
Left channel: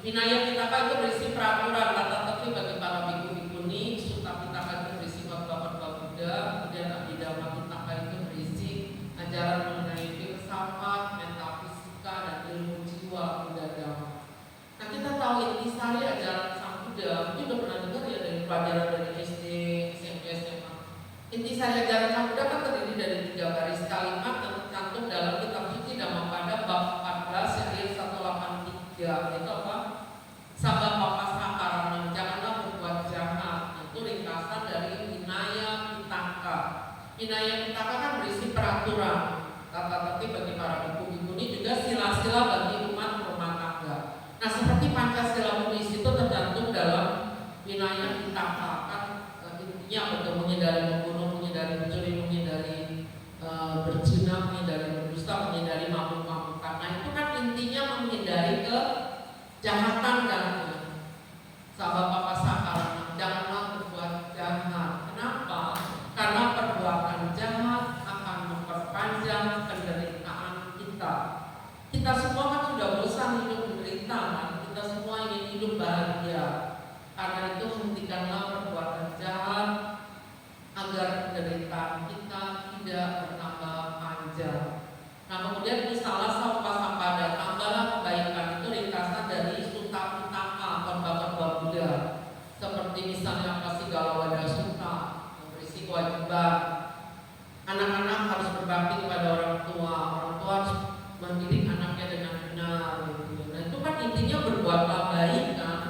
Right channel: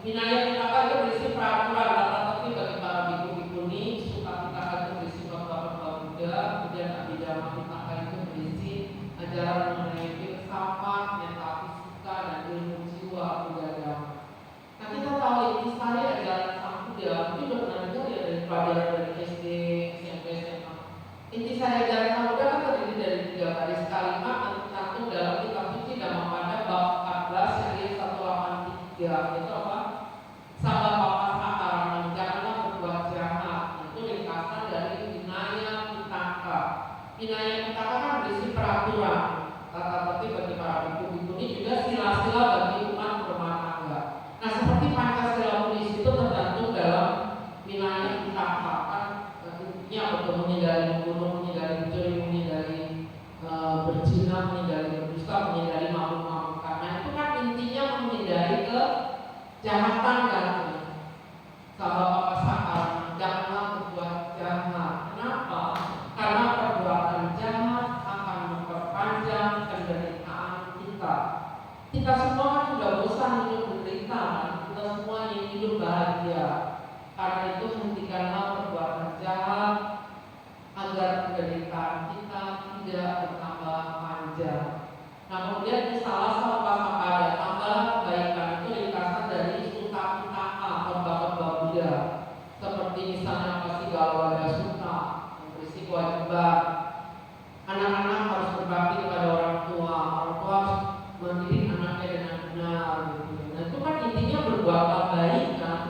Vinaya Pitaka itu berisi peraturan tata tertib bagi para biku bikuni, Sutta Pitaka itu berisi khotbah Buddha, kemudian Abhidhamma Pitaka itu berisi ajaran mengenai filsafat, metafisika dan ilmu jiwa Buddha Dhamma. Nah kita tahu intisari ajaran Sang Buddha, mungkin udah pernah dengar ya dari pelajaran dari SD, SMP, SMA. Intisari ajaran Sang Buddha kan terdiri dari 3 baris kalimat yang tercantum dalam kitab suci Dhammapada bab 14 ayat 183. Itu apa? Sabda papasa karana, janganlah berbuat jahat. Itu ringkasan dari Vinaya Pitaka. Vinaya Pitaka kan berisi peraturan tata tertib bagi para biku-bikuni, juga sila-sila bagi umat rumah tangga. Nah seperti Pancasila Buddhis itu tergantung dalam Vinaya Pitaka kan intinya untuk menghindari membunuh, menghindari mencuri, menghindari berzina, menghindari berdusta, menghindari mabuk-mabukan. Nah itu kan intinya menghindari kejahatan kan. Sabda papasa karana, janganlah berbuat jahat. Kenapa? Karena perbuatan jahat akan memperpanjang penderitaan kita. Kita semua kan sudah bosan hidup menderita, kan? Kita semua ingin hidup bahagia. Karena itu hentikanlah perbuatan jahat agar penderitaan kita tidak bertambah panjang. Nah kemudian salah satu sampada, tambahlah kebaikan. Itu ringkasan dari Sutta Pitaka, khotbah Buddha. Seperti misalnya Pasigalawada Sutta yang berisi kewajiban anak-anak harus berbakti kepada orang tua harus mendidik anaknya dengan benar gitu. Nah itu kan intinya berbuatlah baik kan.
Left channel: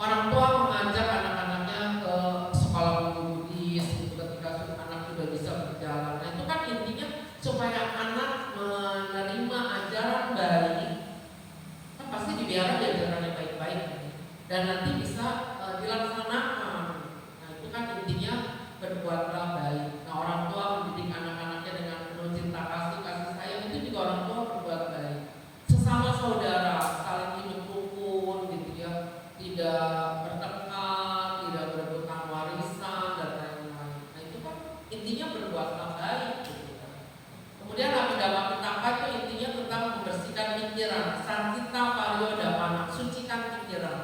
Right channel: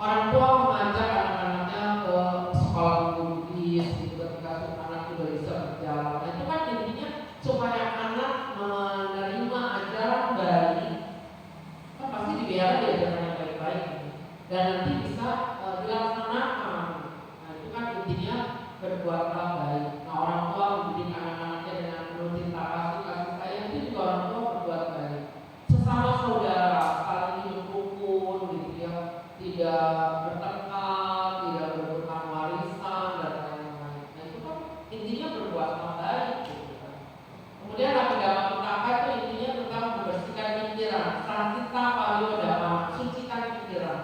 Orang tua mengajak anak-anaknya ke sekolah Buddhis gitu, ketika anak sudah bisa berjalan. Nah itu kan intinya supaya anak menerima ajaran baik, kan pasti dibiarkan ajarannya baik-baik dan nanti bisa dilaksanakan. Nah itu kan intinya berbuatlah baik. Nah orang tua mendidik anak-anaknya dengan penuh cinta kasih sayang, itu juga orang tua berbuat baik. Sesama saudara saling hidup rukun gitu ya, tidak bertengkar, tidak berebutkan warisan dan lain-lain. Nah itu kan intinya berbuatlah baik gitu kan. Kemudian Abhidhamma Pitaka itu intinya tentang membersihkan pikiran, Santita Pariyodhamma, sucikan pikiran.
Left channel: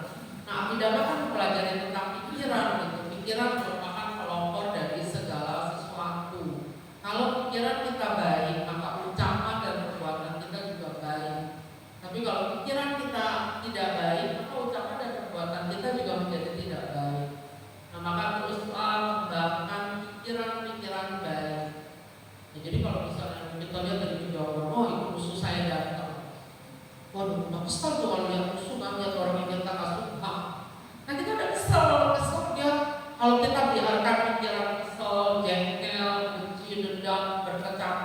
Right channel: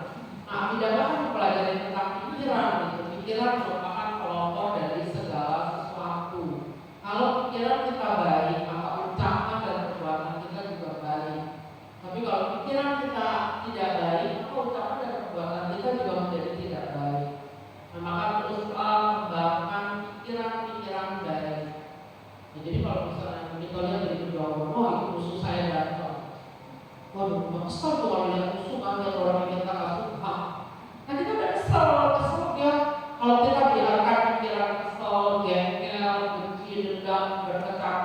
Nah Abhidhamma kan mempelajari tentang pikiran gitu. Pikiran merupakan pelopor dari segala sesuatu. Kalau pikiran kita baik, maka ucapan dan perbuatan kita juga baik. Tapi kalau pikiran kita tidak baik, maka ucapan dan perbuatan kita juga menjadi tidak baik. Nah maka teruslah kembangkan pikiran-pikiran baik. Nah, jadi kalau misalnya kita lihat dari kejauhan, oh itu musuh saya datang. Waduh, udah kesel tuh kalau lihat musuh, kan lihat orang yang kita gak suka. Nah kita udah kesel dia. Kalau kita biarkan pikiran kesel, jengkel, benci, dendam, berkecamuk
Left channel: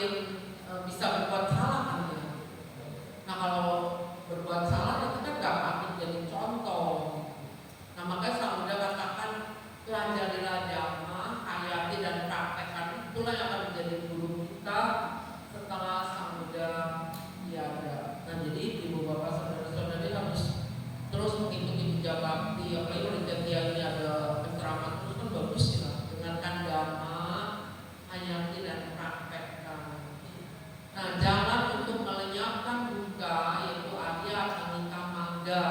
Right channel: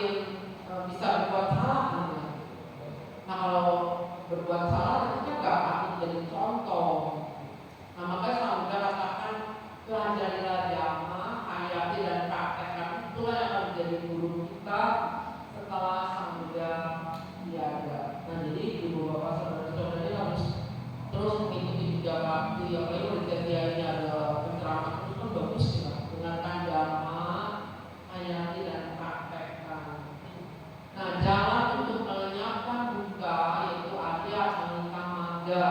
semakin bisa berbuat salah kan ya. Nah kalau berbuat salah ya kita nggak patut jadi contoh. Nah makanya Sang Buddha katakan pelajarilah dhamma, hayati dan praktekkan, itulah yang akan menjadi guru kita setelah Sang Buddha tiada. Nah jadi ibu bapak saudara-saudara harus terus mengikuti Buddha Bakti. Apalagi kalau di Ketia ini ada penceramah terus kan bagus ya, dengarkan dhamma, hayati dan praktekkan. Nah jalan untuk melenyapkan duka yaitu Arya Samhita Magga.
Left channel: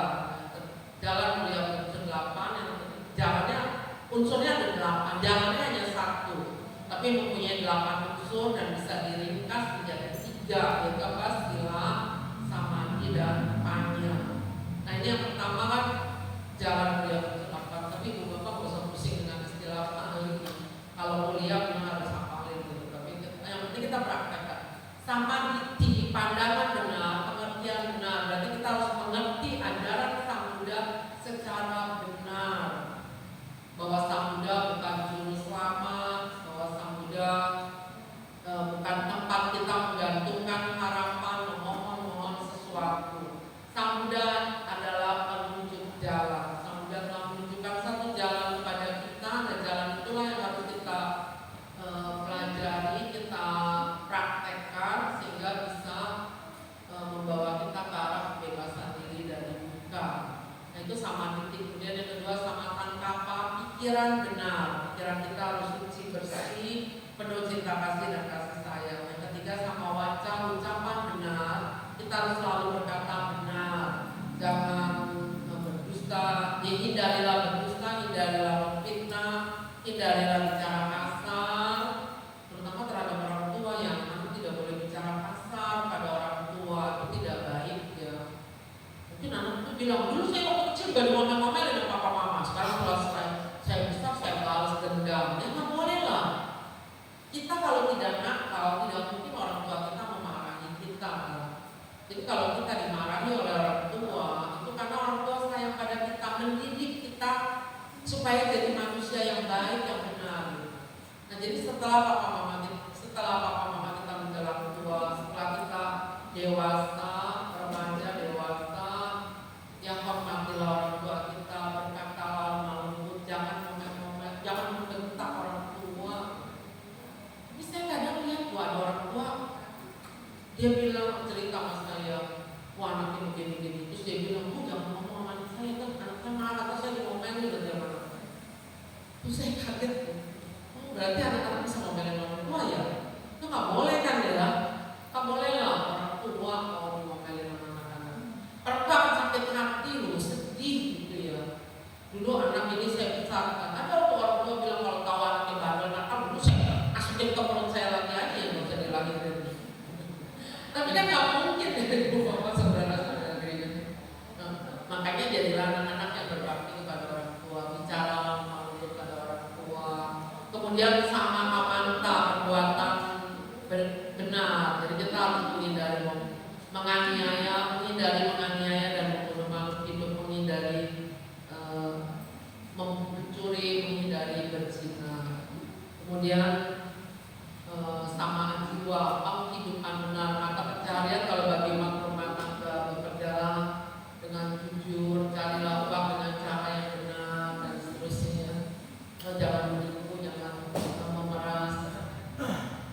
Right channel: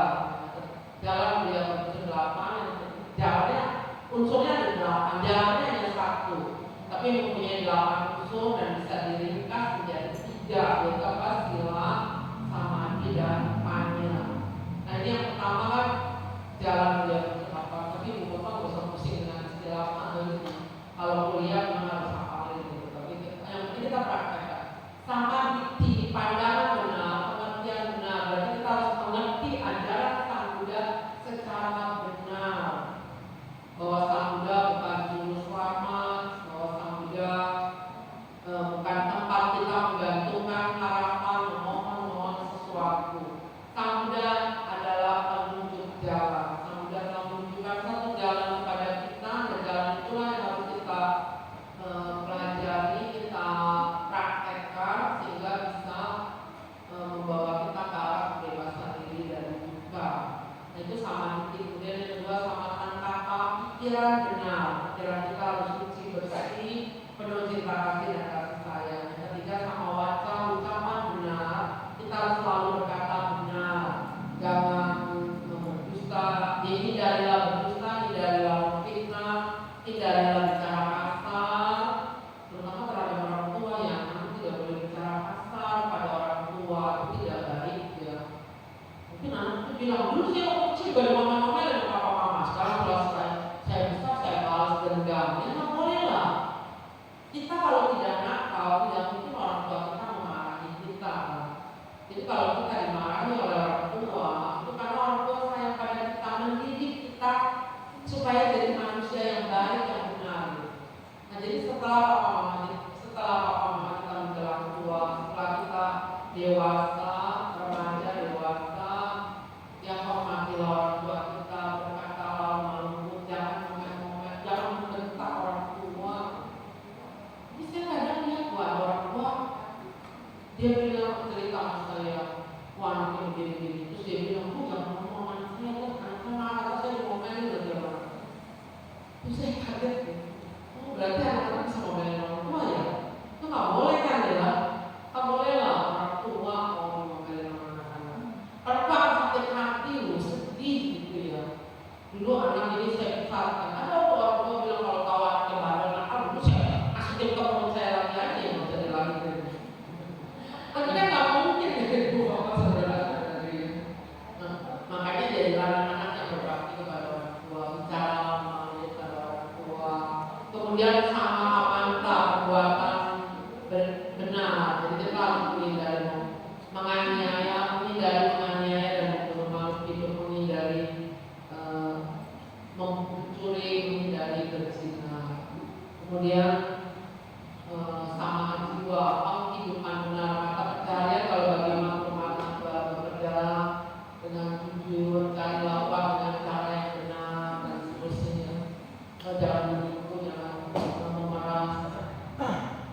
Jalan beliau berunsur 8, yang jalannya unsurnya ada 8, jalannya hanya 1, tapi mempunyai 8 unsur dan bisa diringkas menjadi 3, yaitu apa? Sila, samadhi dan panya. Nah ini yang pertama kan jalan beliau berunsur 8, tapi ibu bapak gak usah pusing dengan istilah ini. Kalau kuliah memang harus hafalin gitu, tapi yang penting kita praktekkan. Samadhi, pandangan benar, pengertian benar, berarti kita harus mengerti ajaran Sang Buddha secara benar, bahwa Sang Buddha bukan juru selamat, bahwa Sang Buddha bukan tempat kita menggantungkan harapan, memohon sesuatu. Sang Buddha adalah penunjuk jalan. Sang Buddha telah menunjukkan satu jalan kepada kita, dan jalan itulah yang harus kita pelajari, kita praktekkan sehingga bisa membawa kita ke arah kebebasan diri dari duka. Nah itu samadhi. Kemudian yang kedua sama sankappa, pikiran benar. Pikiran kita harus suci bersih, penuh cinta kasih dan kasih sayang. Yang ketiga sama waca, ucapan benar. Kita harus selalu berkata benar. Jangan berdusta. Hindarilah berdusta, hindarilah memfitnah, hindarilah bicara kasar, terutama terhadap orang tua. Yang anak tidak boleh bicara kasar pada orang tua, itu tidak baik ya. Mungkin anak itu bilang, dulu saya waktu kecil gak dimomel-momel dengan papa mama, sekarang setelah saya besar saya balas dendam. Ya nggak boleh lah. Kita kalau tidak nakal, tidak mungkin orang tua kita memarahi kita. Jadi kalau kita dimarahi oleh orang tua, itu karena orang tua sayang pada kita, mendidik kita supaya jadi manusia yang baik, yang benar. Nah jadi setelah papa mama kita menjelang tua, setelah kita dewasa, remaja, dewasa, yang hormatilah orang tua kita, berkatalah lembut, jangan ngomel-ngomel, jangan membentak orang tua. Tapi saya kadang lihat ada orang tua, dia bilang, cerita sama saya, wah anaknya begini-begini, terus dia bilang, jangan ngomong sama anak saya kan, anak saya malah kata saya ngomelin lagi orang. Terus saya kaget, berarti anak-anak bisa ngomelin orang tua ya? Itu nggak boleh kan ya? Nggak boleh lah orang tua mau ngomelin sama anak-anak. Orang tua akan sakit hati loh, sedih gitu ya. Dulu anak ini saya besarkan, ada orang tua bilang kalau tahu anaknya bandel nakal, dulu saya masukin ke mulut saya lagi aja yang bisa dilahirin. Tapi kan nggak mungkin ya ibu bapak saudara-saudara ini. Nah, makanya jadilah anak-anak yang berbakti kepada orang tua, bicara melalui kepada orang tua. Kemudian sama amanta, perbuatan benar. Jadi kita harus menghindari menganiaya dan membunuh makhluk hidup, menghindari mencuri, menghindari berzina. Kemudian sama jiwa, kehidupan benar, mata pencaharian. Kalau bagi makhluk bekerjalah dengan jujur, carilah uang dengan cara yang benar dan seterusnya. Jangan menipu, jangan memeras.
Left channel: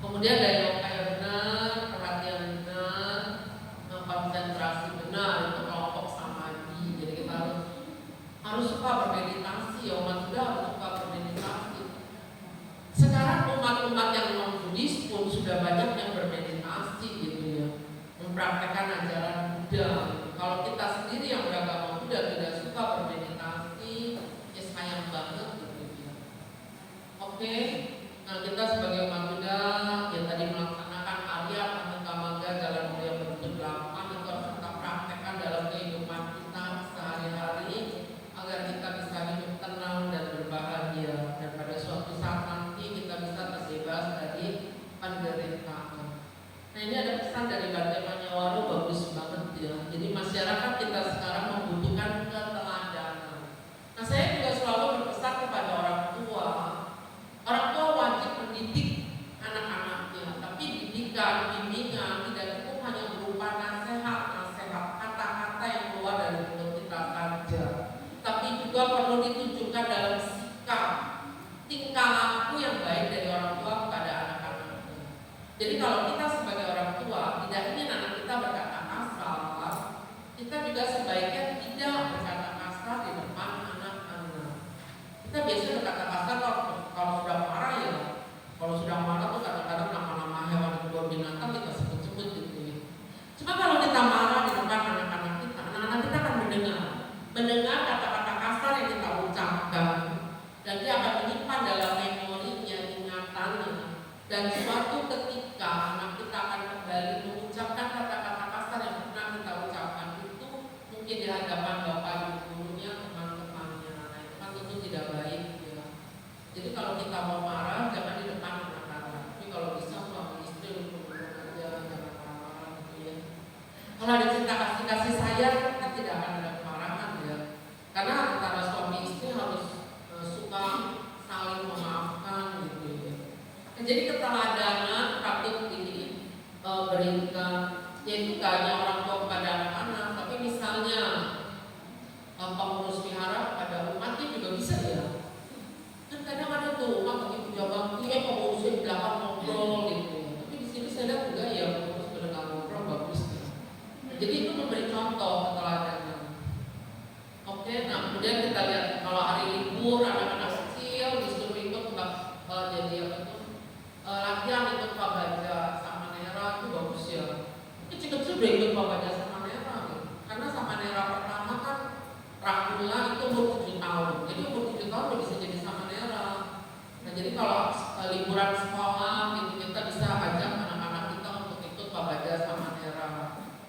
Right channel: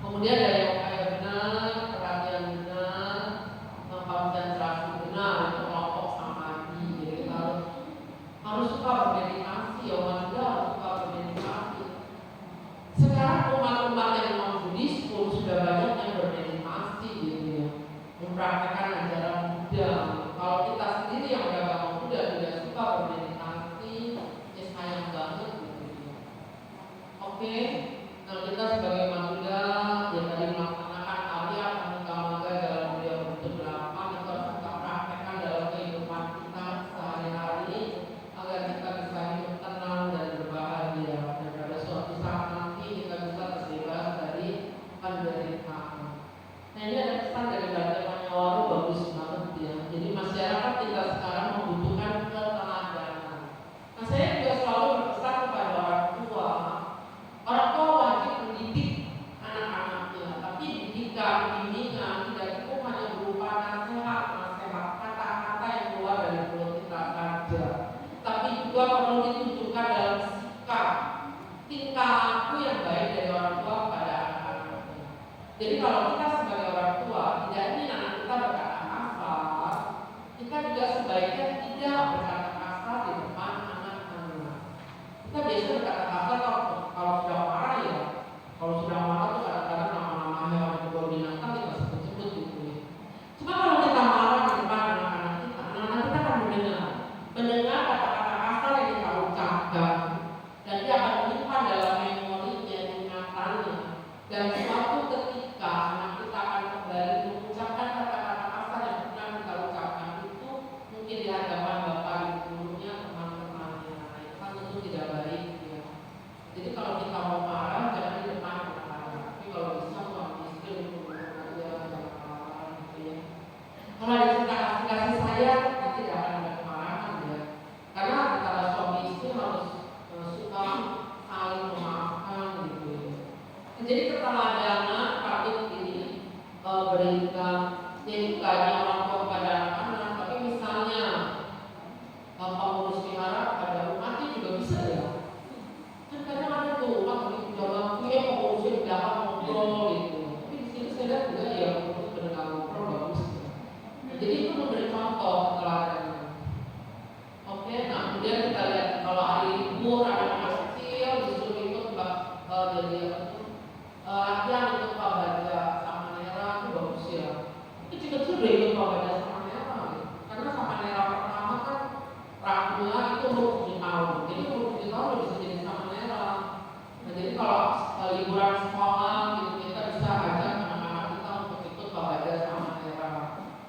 Kemudian dari upaya benar, perhatian benar, konsentrasi benar untuk kelompok samadhi. Jadi kita harus suka bermeditasi, ya umat juga harus suka bermeditasi. Sekarang umat-umat yang non-Buddhis pun sudah banyak yang bermeditasi gitu ya, mempraktekkan ajaran Buddha. Kalau kita sendiri yang beragama Buddha tidak suka bermeditasi, ya sayang banget gitu ya. Oke, nah kita sebagai umat Buddha, ya tadi Jadi kalau kita sebagai orang tua tidak ingin anak kita berkata kasar, kita juga sebaiknya tidak berkata kasar di depan anak-anak. Kita biasanya berkata kasar kalau sudah marah ya. Kalau sudah marah tuh kadang-kadang nama-nama hewan atau binatang kita sebut-sebut gitu ya. Cuma kalau kita marah di depan anak-anak kita akan mendengar kata-kata kasar yang kita ucapkan, dan dia akan menyimpan dalam memorinya, ingatannya. Dan suatu ketika anak kita akan kembali mengucapkan kata-kata kasar yang pernah kita ucapkan itu, mungkin di hadapan bapak ibunya, teman-temannya, itu kan tentu tidak baik ya. Jadi kalau kita mau marah jangan di depan anak-anak, tapi kalau bisa suami istri untuk aja jangan marah gitu ya. Kalau ada cinta kasih sayang, kita tidak akan ada kemarahan ya, karena antara suami istri harus suka saling memaafkan gitu ya. Jadi keteladanan patut ini berikan, yaitu gak hanya orang tua kepada anak-anak, tapi misalnya pengurus wihara pada umatnya juga bisa ya. Kan kadang ada tuh umat begitu jawaban, pengurusnya di belakang ngobrol gitu. Tapi di sini saya lihat juga ya pengurus mendengar ngobrol bagus ya. Jadi itu memberi contoh keteladanan. Oke, nah kemudian kita lihat kalau hari libur anak-anak kecil disuruh ikut jadi apa tuh? Latihan ikut Pak Baja sama Nera itu bagus ya. Kecil-kecil udah ikut Pak Baja sama Nera ya. Karena sama Nera pertama kan Rahula itu umur 7 tahun. Jadi umur 7 tahun udah bisa jadi sama Nera. Nah jadi kalau liburan sekolah gitu kita bisa ajak anak-anak kita untuk ikut Pak Baja sama Nera.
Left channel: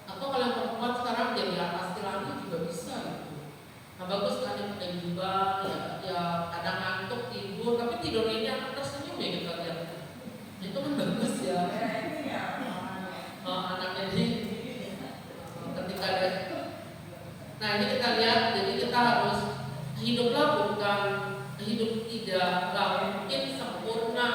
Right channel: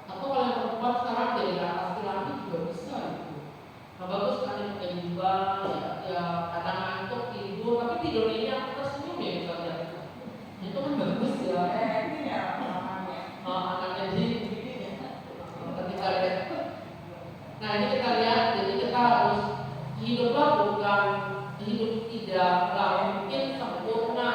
Atau kalau yang perempuan sekarang jadi atas lagi juga bisa gitu. Nah bagus kan yang pakai jubah ya kadang ngantuk tidur, tapi tidurnya ini aku tersenyum ya kita lihat. Itu kan bagus ya. Ini ya Anaknya sih ketika ada. Nah ini kita lihat, jadi kita harus hiduplah bukan hidup tidaklah mungkin sempurna.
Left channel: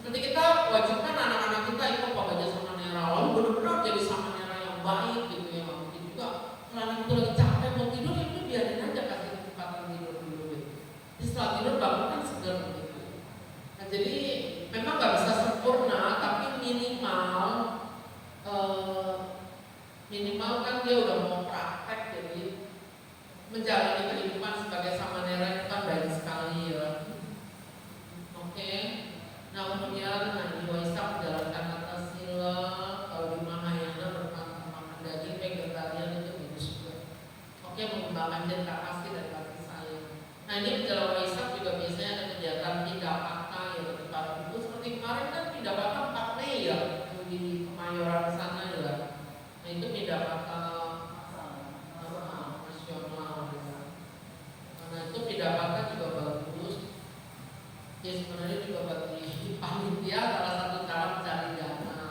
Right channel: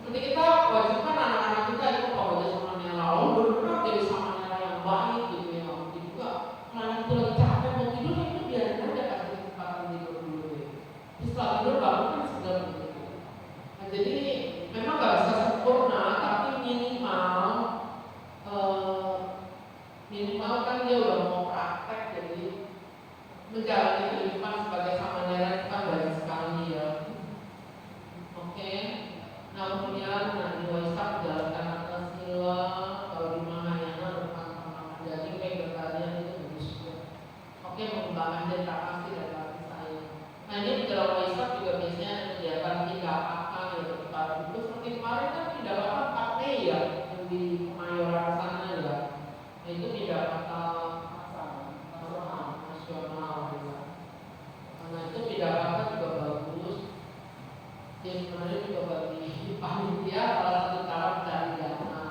Seperti kita wajibkan anak-anak kita ikut Pak Baja sama Nera, lalu benar-benar jadi sama Nera yang baik gitu ya. Mungkin juga kalau anak itu lagi capek mau tidur ya udah biarin aja, kasih kesempatan tidur dulu deh. Setelah tidur bangun kan segar gitu. Nah jadi memang gak bisa sempurna, tapi minimal kan dia udah mau praktek, jadi menjalani kehidupan sebagai sama Nera itu kan baik sekali ya. Oke. Nah kemudian di Waisak menjalankan kata sila, kalau di Mahayana makan daging, vegetarian itu bagus juga. Oke, mengembangkan cinta kasih dan kasih sayang. Nah ini menjelang Waisak juga biasanya ada kegiatan tidak akal ya ketika itu. Seperti kemarin kan tidak bakal 4 Mei ya di Kemayoran sana ya. Nah itu tidak bakal nasional ya. Karena itu tidak bakal juga bagus. Ya sebenarnya juga bagi panitia salah satu cara mencari dana.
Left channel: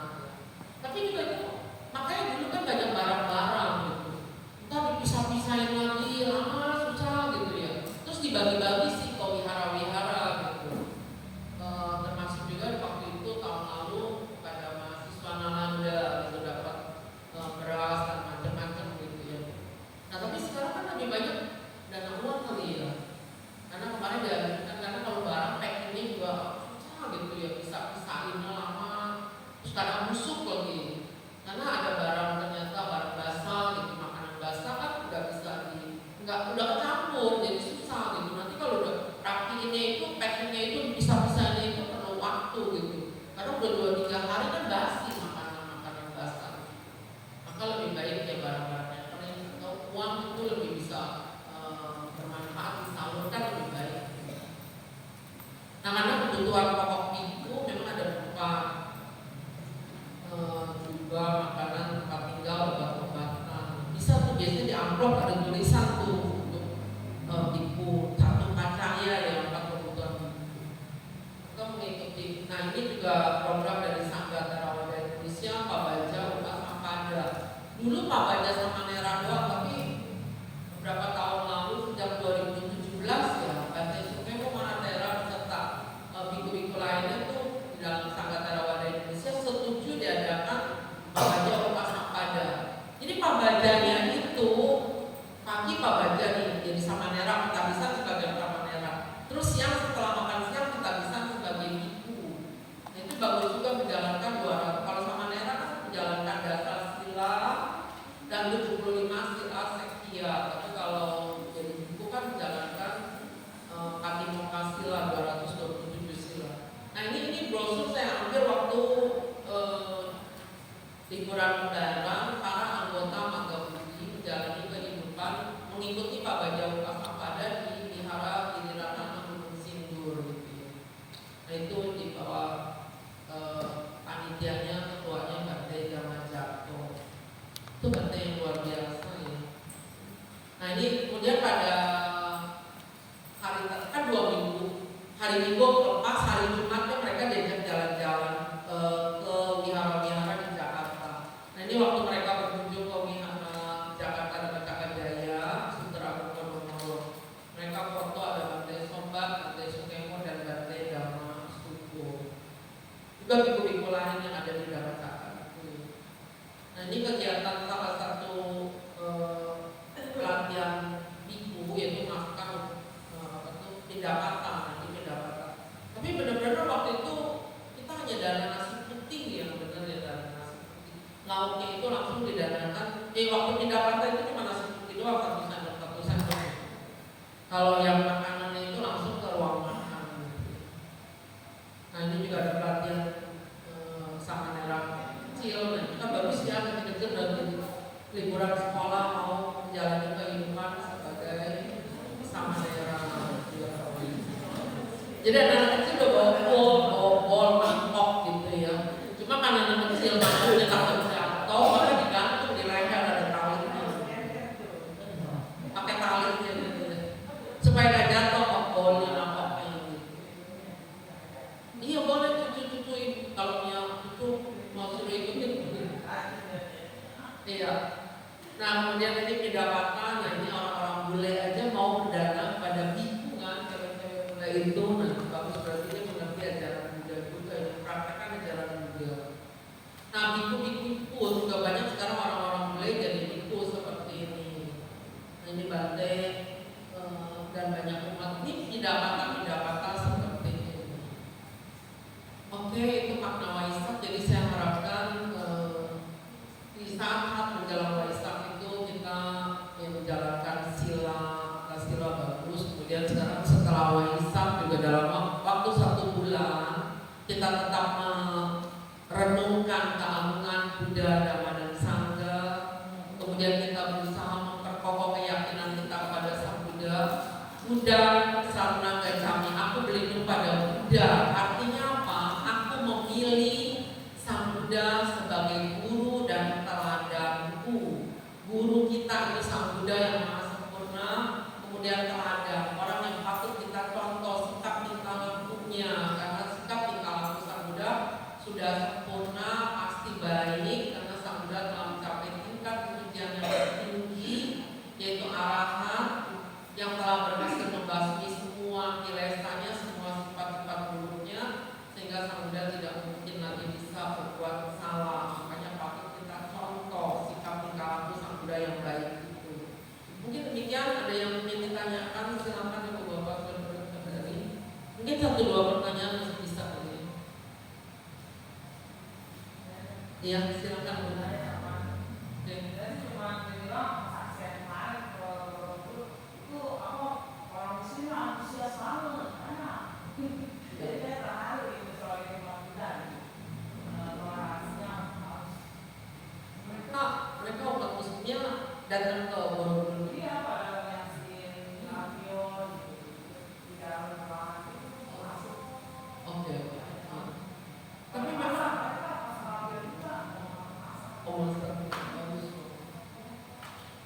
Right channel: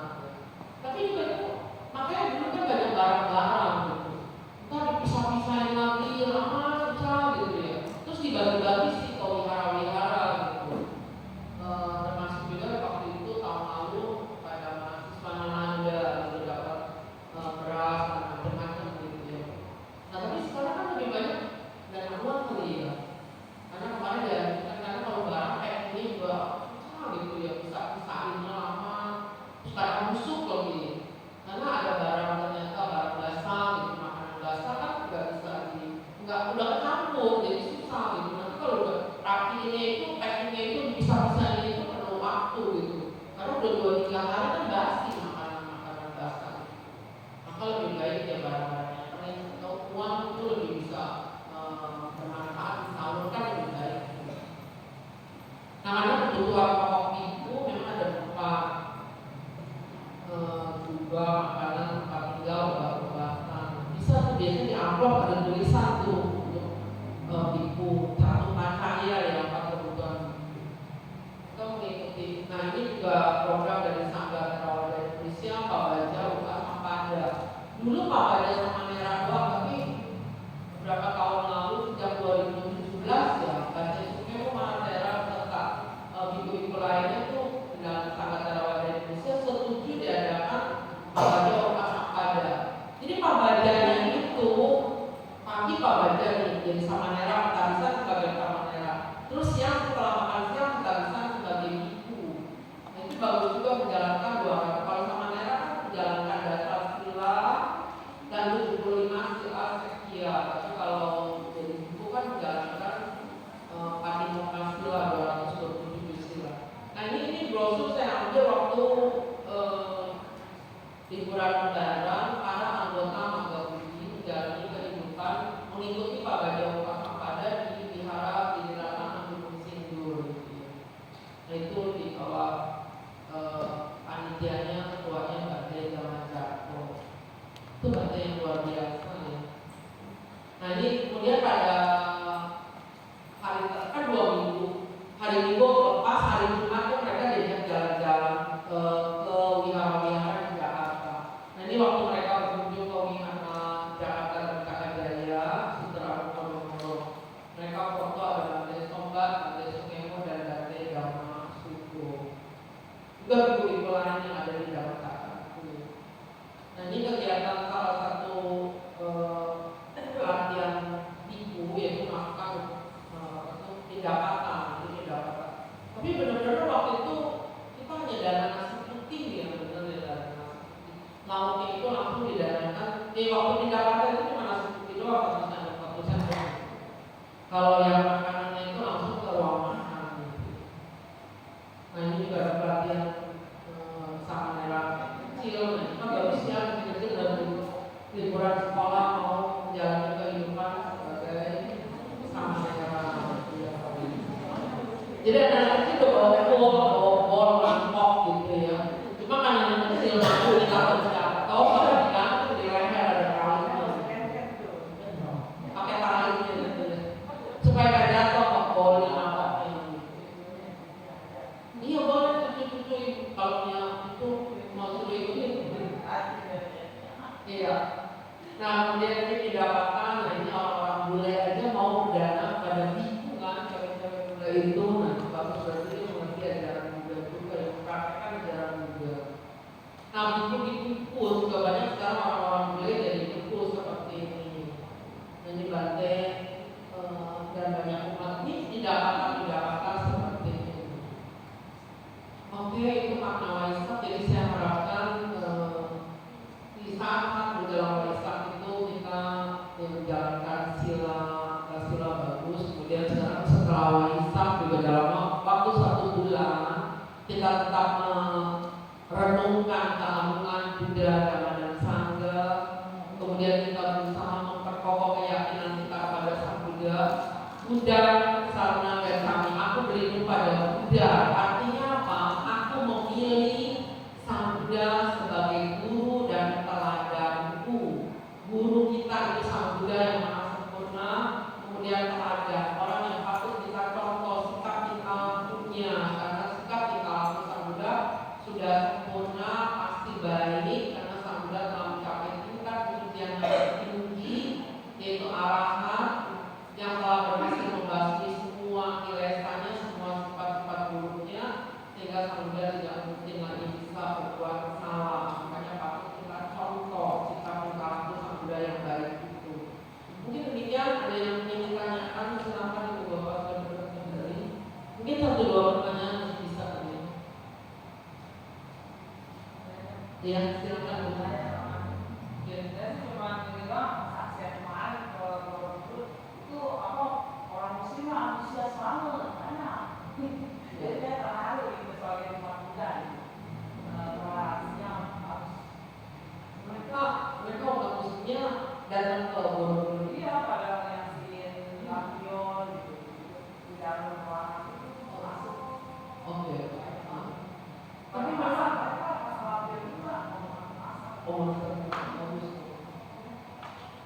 Tapi juga itu makanya dulu kan banyak barang-barang gitu. Entah dipisah-pisahin lagi, lama susah gitu ya. Terus dibagi-bagi sih ke wihara-wihara gitu. Termasuk juga waktu itu tahun lalu pada mahasiswa Nalanda itu dapat beras dan macam-macam gitu ya. Nah tapi sekarang kan lebih banyak dana uang kali ya. Karena kemarin dianjurkan, karena kalau barang packingnya juga susah gitu ya, bisa pisahin lama, terus kadang busuk lagi. Karena ada barang ternyata barang basah gitu, makanan basah kan nggak udah kecampur, jadi susah gitu. Nanti kalau udah rapi ini itu packingnya itu bisa-bisanya itu perlu waktu gitu. Karena udah 2-3 hari kan basi makanan basah. Maka lebih baik ya barang-barang yang kering atau uang itu lebih bisa bermanfaat, disalurkan lebih baik. Nah karena kebutuhan pokok minggu memang ada berupa juga makanan, tempat tinggal, obat-obatan. Bisa tuh biasanya di amplop ada tulisan tuh untuk biku satu pacaya yang 4 kebutuhan minggu. Kita mengikuti. Nah ini juga program dari Sangga Tarawada Indonesia, Pak Baja, Uka Sampada. Dulu Pak Baja sama Nera doang, tapi beberapa tahun lalu sejak 2017 ya Baca Sukmemo Manatera serta biku-biku lainnya tuh dalam Sangga Tarawada Indonesia setuju diadakan Pak Baja Uka Sampada. Jadi Pak Bajanya itu pagi Pak Baja nih jadi sama Nera, kita bisa sebagai sama Nera. Terus siang setelah makan siang kita bisa sebagai biku. Nah itu bagus bagus juga menjalankan 200. Kalau sama Nera kan menjalankan dasar sila dan 75 sila sektia. Tapi kalau jadi buku kan menjalankan Patimokkha sila 227 sila. Nah ini brosur saya ambil waktu liburan mendarat para anggota Magabudi menjalani kehidupan mengikuti Pak Baja Upasampada di Vihara Giliran Gunung Sindur. Nah itu di bawah panitianya, ketuanya Bante Jamanjako. Itu Bante yang luar biasa ya. Nah ini kemudian pada hari kan 2 minggu, hari Minggu lepas hari Jumatnya mereka diajak jalan-jalan ke wihara-wihara di Jakarta. Nah ini waktu mereka berkunjung ke wihara Jakarta dan Jaya, Sutra Wonosobo, mereka foto ada Bante Sombat, Bante Sukemo dan Bante Dhamma Suko. Juga biku-biku lain yang ada di dalam kakak. Nah ini kegiatan salah satu pelatihan biku yaitu melakukan pendapatan, tapi benar-benar waktu itu kita hanya dana nasi putih yang benar ya, dana nasi putih. Lauknya itu langsung didanakan. Waktu pendapatan itu cuma nasi putih doang, 1 sen doang. Kalau yang makanannya itu langsung ke ruang makan. Nah ini juga ada pelatihan sama Nera kecil. Nah kita bagus ya kecil-kecil dari liburan sekolah mau menjalani kehidupan sebagai sama Nera. Jadi anak kecil udah bawa bol, mangkok gitu ya. Cuma kan anak kecil mampu ditakut jatuh, maka digantung di leher ada talinya. Pakai talinya gitu ya. Supaya gak jatuh bolnya mangkoknya gitu. Iya boleh cucu-cucuin kalau itu mau suruh ikutin. Iya. Nah kemudian ini pendapatan, nah ini orang-orang bule aja mau berdana pada biku kan, cewek-cewek bule itu. Bagus berarti dia mengerti ajaran Buddha juga, yang mempraktekkan ajaran Buddha. Nah biku-biku juga banyak sekarang orang-orang bule jadi biku seperti ini. Ini Bante dan banyak umat ini pendapatan seperti ini. Oke, itu makna Waisak. Jadi saya harapkan di saat menjelang Waisak itu kita menjalankan sila bagus. Kemudian setelah Waisak juga dalam waktu 1 bulan kita tetap merenungkan keagungan Buddha, Dhamma dan Sangha. Kemudian kita berusaha memperkokoh keyakinan kita kepada Sang Buddha. Buddha sarana gacami, aku berlindung pada Buddha. Artinya apa? Aku memilih Sang Buddha sebagai guru dan teladanku. Guru kita itu Sang Buddha yang maha sempurna. Kemudian teladan, orang yang patut kita contoh sikap tingkah lakunya, karena sikap tingkah laku Sang Buddha sudah sempurna, pasti baik, karena Sang Buddha telah mencapai tingkat kesucian yang tertinggi, yaitu arahat, yang telah berhasil membasmi semua kilesanya, semua sifat-sifat buruknya, sehingga Sang Buddha tidak mungkin lagi bisa berbuat salah. Makanya patut kita contoh sikap tingkah laku Sang Buddha yang baik itu. Mungkin demikian, ada yang ingin ditanyakan, silakan Ibu Bapak saudara dari. Mungkin 1-2 pertanyaan masih bisa ya. Iya, silakan Bu. Dan cuma bilang saksian kemarin itu apa orang muslim antusias banget karena jadi dia terharu itu sebagai umat Buddha toleransinya harus mereka umat muslimnya datang ke Borobudur. iya pada nyaksiin lampion gitu di dalam ruangan itu masuk. Oke. Tapi masa mereka pas lampion juga bagus.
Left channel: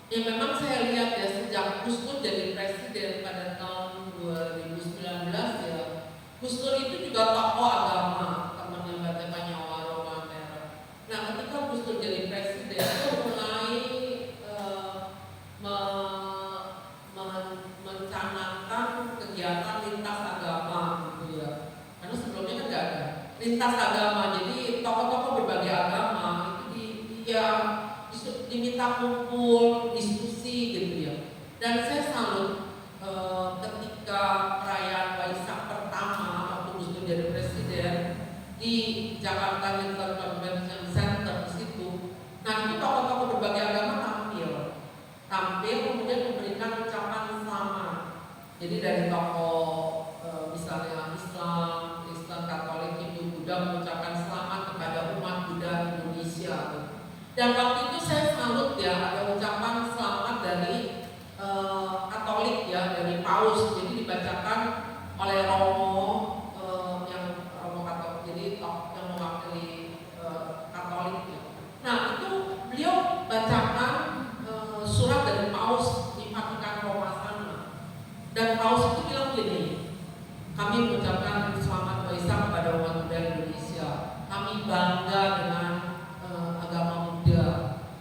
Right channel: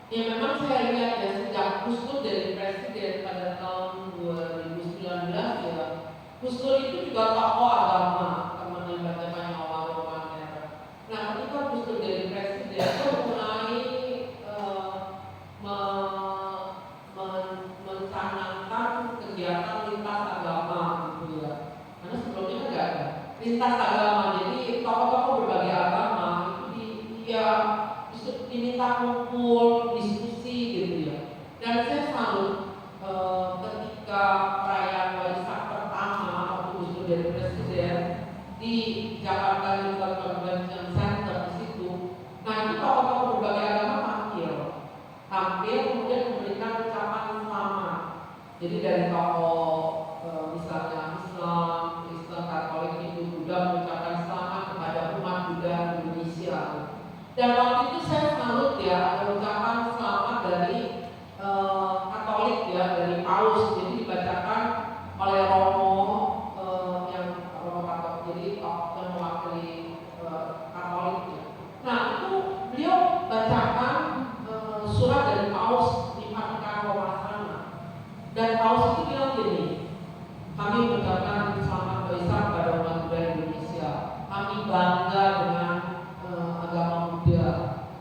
Ya memang saya lihat ya sejak Gus Dur jadi presiden pada tahun 2019 ya, Gus Dur itu juga tokoh agama, temannya Bante Panyawaru Manera. Nah ketika Gus Dur jadi presiden dia mulai mencanangkan kegiatan lintas agama gitu ya, karena sebelumnya kan nggak ada lintas agama, jadi tokoh-tokoh berbagai agama itu diminta kumpul diskusi gitu ya. Dan saya salut ketika perayaan Waisak pertama waktu Gus Dur jadi presiden di Jakarta International Convention Center di situ. Nah itu tokoh-tokoh berbagai agama tampil kemudian memberikan ucapan selamat. Jadi dari tokoh misalnya Islam, Katolik, Hindu, Buddha mengucapkan selamat kepada umat Buddha Indonesia. Dan waktu itu saya salut ya, ada ucapan selamat dari Katolik ya, dari Paus. Jadi dibacakan oleh Romo Katolik, jadi yang mewakili Katolik ya. Nah itu beliau bacakan surat dari Paus di Vatikan Roma sana. Dan Paus itu bilang gini, kami mengucapkan selamat Waisak kepada umat Buddha Indonesia. Kami bangga dengan agama Buddha.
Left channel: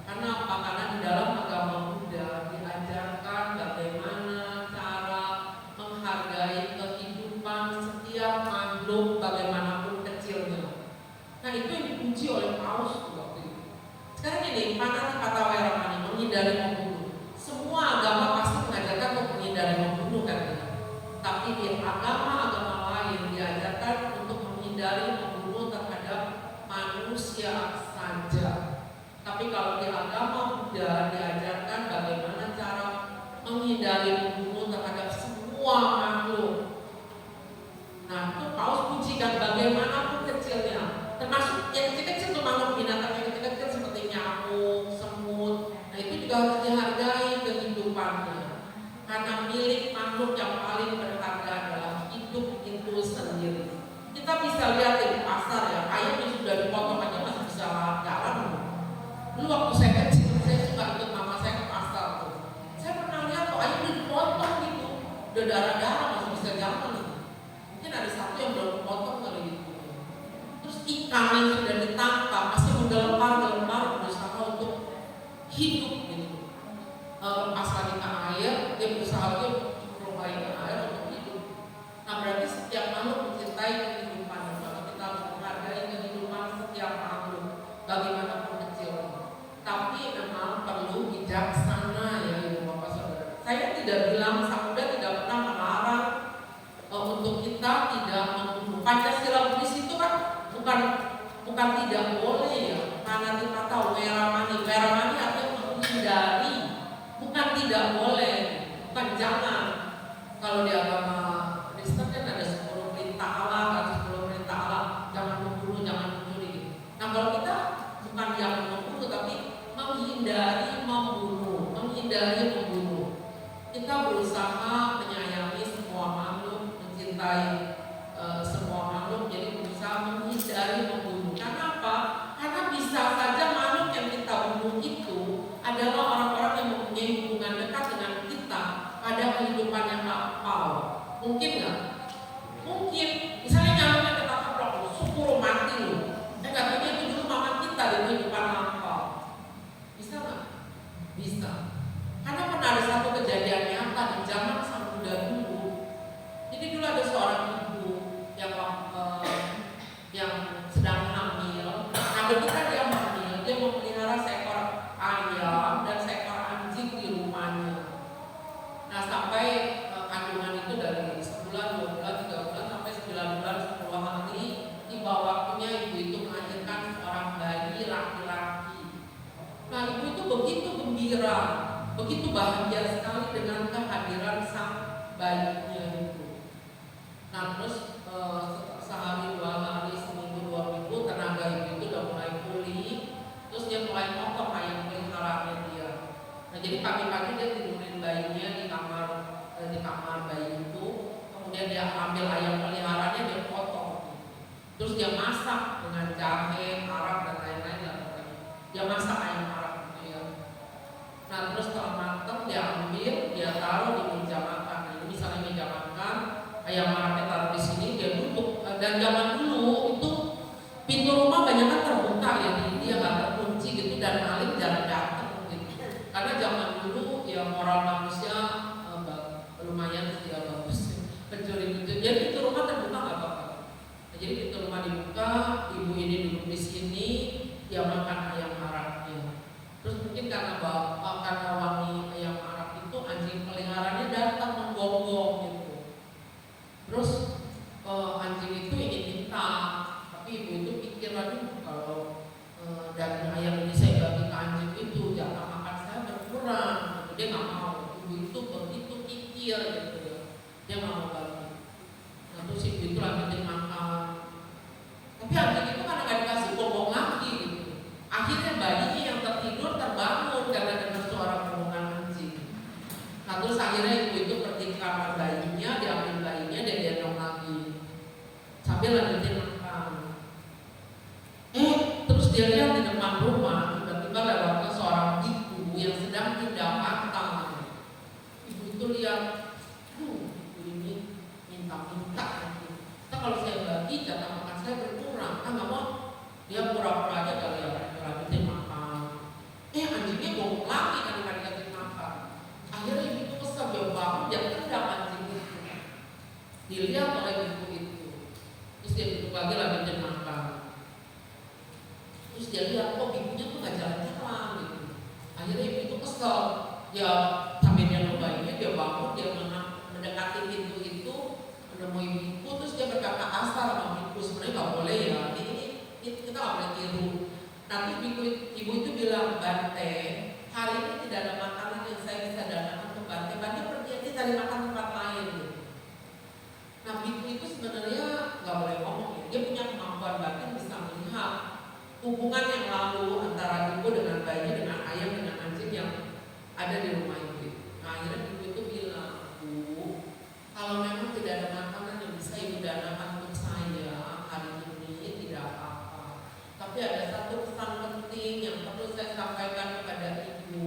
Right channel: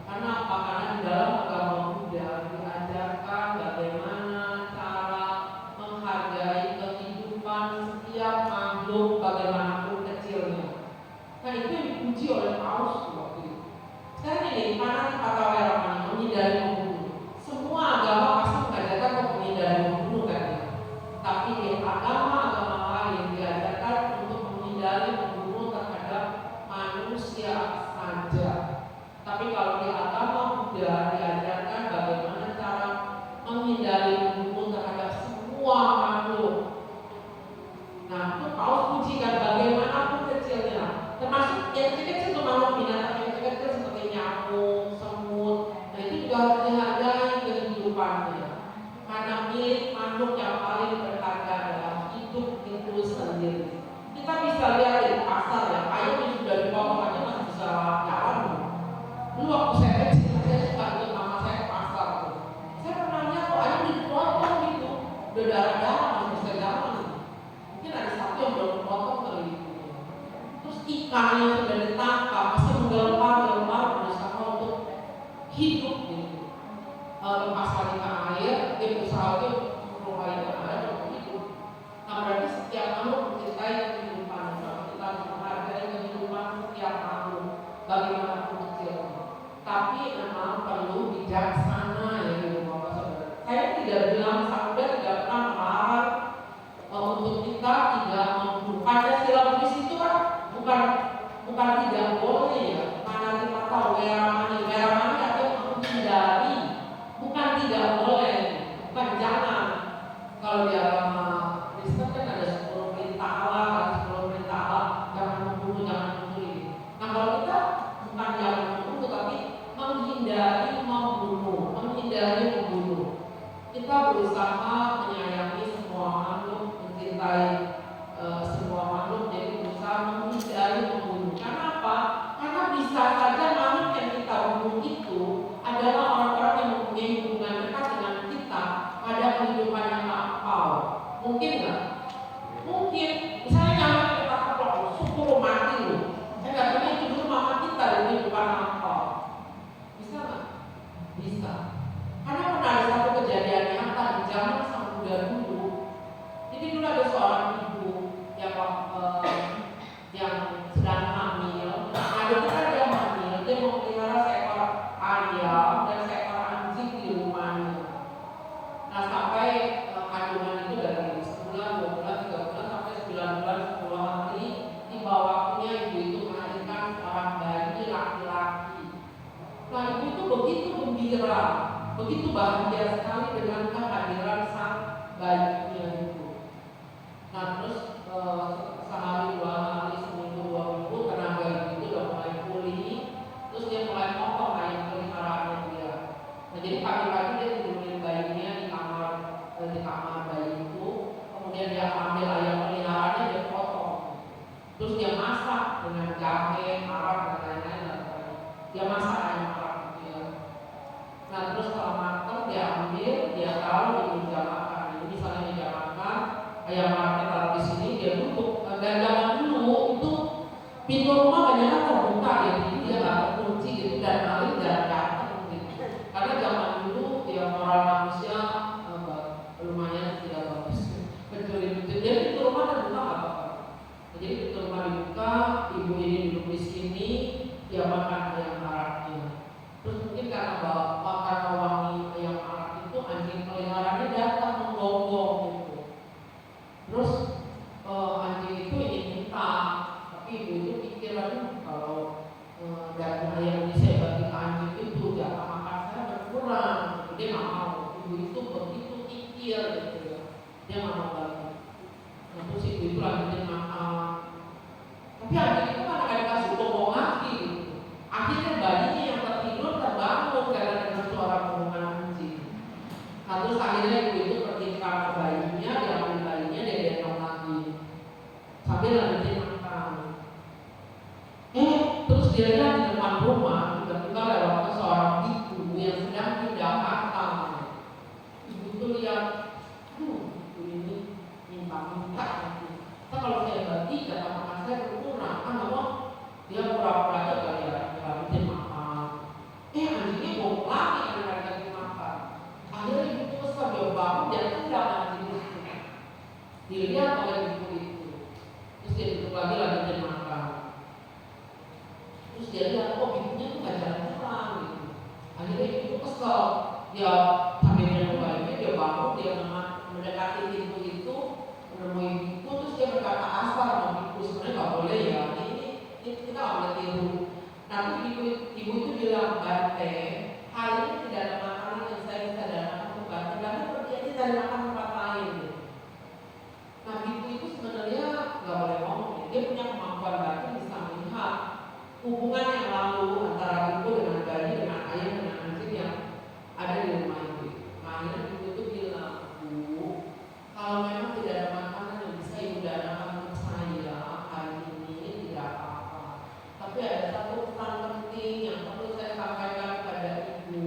Karena apa? Karena di dalam agama Buddha diajarkan bagaimana cara menghargai kehidupan setiap makhluk bagaimanapun kecilnya. Nah itu yang dipuji oleh Paus waktu itu. Sekarang ini, karena kata Weramani menghindari membunuh. Semua agama pasti mengajarkan untuk menghindari membunuh kan ya. Tapi di agama-agama lain diajarkan untuk menghindari membunuh terhadap manusia saja. Tapi kalau di agama Buddha diajarkan bagaimana cara menghindari membunuh terhadap semua makhluk. Nah itu Paus pujikan bagaimanapun kecilnya, termasuk yang kecil-kecil itu makhluk binatang yang kecil-kecil seperti nyamuk, semut. Nah itu juga harus dihargai kehidupannya. Karena milik makhluk yang paling berharga adalah hidup itu sendiri. Kita bisa lihat di pasar ya, ayam yang sudah dipotong aja masih bisa jalan. Dulu waktu saya kecil, saya suka ikut mama saya ke pasar tuh. Saya pernah lihat tuh ayam dipotong gitu, udah darah-darah masih bisa jalan. Mungkin ada satu yang belum dipotong kali gitu. Terus ikan yang sudah ditangkap masih menggelepar-gelepar berusaha untuk hidup gitu. Lepas lagi ke air, dia berusaha untuk lagi ke air untuk hidup. Nah berarti setiap makhluk mencintai kehidupan. Maka kita harus menghargai kehidupan setiap makhluk bagaimanapun kecilnya. Tapi memang perlu bijaksana ya ibu bapak saudara. Saya tidak bilang, Sabda tidak pernah melarang untuk kita tidak membunuh. Pancasila Buddhis itu kan bukan tidak boleh ya. Karena kita tahu Weramani artinya menghindari. Bukan tidak boleh, bukan jangan. Kalau di agama Kristen kan ada 10 perintah Allah, kan 10 perintah Allah, jangan membunuh, jangan mencuri gitu. Nah kalau kita bukan jangan membunuh, tapi menghindari membunuh. Kita berusaha menyayangi semua makhluk, mencintai semua makhluk, jadi berusaha menghindari membunuh. Karena apa? Karena bisa saja makhluk yang kita bunuh itu adalah orang-orang yang mempunyai hubungan dekat dengan kita pada kehidupan yang lampau. Mungkin nggak? Mungkin. Misalnya nyamuknya kita keplok, syukur mati loh. Katanya itu dulu mama kita di kehidupan lampau. Bisa nggak? Bisa. Karena pernah ada satu kejadian nyata di zaman Sang Buddha dulu. Jadi dulu ada seorang ibu yang sedang hamil. Nah ketika dia hamil, dia memelihara seekor ayam dan seekor anjing di rumahnya. Nah sampai kandungan itu dari sebulan, 2 bulan, 3 bulan sampai 9 bulan, 10 hari, tiba waktunya ibu itu melahirkan seorang bayi laki-laki. Nah ibu itu begitu gembira, begitu bahagia sekali dengan kehadiran sang bayinya itu. Nah terus sehari 2 hari, seminggu 2 minggu, tenaga ibu itu udah mulai pulih. Terus dia mulai potong ayam peliharaannya dia. Nah jadi pagi-pagi dia tidurin bayinya di kamar bayi itu. Kemudian dia ambil ayam peliharaannya, dia potong. Terus dia masak dengan jahe, arab dan lain-lain. Dia masak ayam arab gitu ya. Nah terus setelah matang dia ambil, dia taruh di meja makan. Ini misalnya meja makan, ayam arabnya taruh di sini, dia duduk. Dan zaman dulu itu pintu rumah banyak kan terbuka ya, jadi dia nggak terkunci gitu dan maling jarang datang gitu. Karena zaman dulu ya moral manusia lumayan tidak bagus, pencuri-pencuri. Jadi pintu rumah terbuka nggak apa-apa. Nah, jadi pintu rumah dibuka, ibu ini duduk di sini, dia makan ayam arabnya. Terus mungkin karena wangi ayam arab itu anjing peliharaannya datang menggonggong gitu. Terus anjing itu ingin minta, tapi ibu itu pikir akhirnya ibu itu pergi ke kamar bayinya, diambil bayinya, dia gendong lagi sambil lanjutin makan. Terus dia lihat di depan rumah tiba-tiba lewat seorang ibu yang sedang pindah kata. Ibu itu lihat, ibu ini minta-minta nanti. Kalau saya bagi jatah makan saya berkurang, kan nggak mau. Dia pura-pura aja kali ya, lanjutin makan. Anjingnya bongkok lagi kali-kali makan. Akhirnya ibu itu kesal, dia bangun, dia tendang anjing itu. Dilihat oleh ibu itu. Terus dia duduk lagi lanjutin makan. Terus dia lihat, ibunya tuh gak jalan-jalan gitu. Akhirnya ibu itu kesel. Dia sambil dia bayinya, dia bangun, dia mendekati pintu itu, menemui ibu, terus dia berkata kasar sama ibu. Sebenarnya gak boleh ya, ini kita gak boleh tiru. Tapi ibu itu bilang, Bante, hari ini tidak ada makanan yang saya bisa danakan untuk Bante. Bante pergi aja cari makan tempat lain gitu. Nah ibu itu sebenarnya gak boleh ngomong, dia punya kemampuan batin bisa melihat hubungan yang lalu antara ibu dengan bayi, dengan ayam, dengan anjing yang ada di rumah itu. Nah akhirnya ibu itu bilang, Bu, kalau memang tidak ada makanan yang bisa ibu danakan untuk saya hari ini tidak apa-apa. Tapi ada satu pesan penting yang perlu saya sampaikan kepada ibu,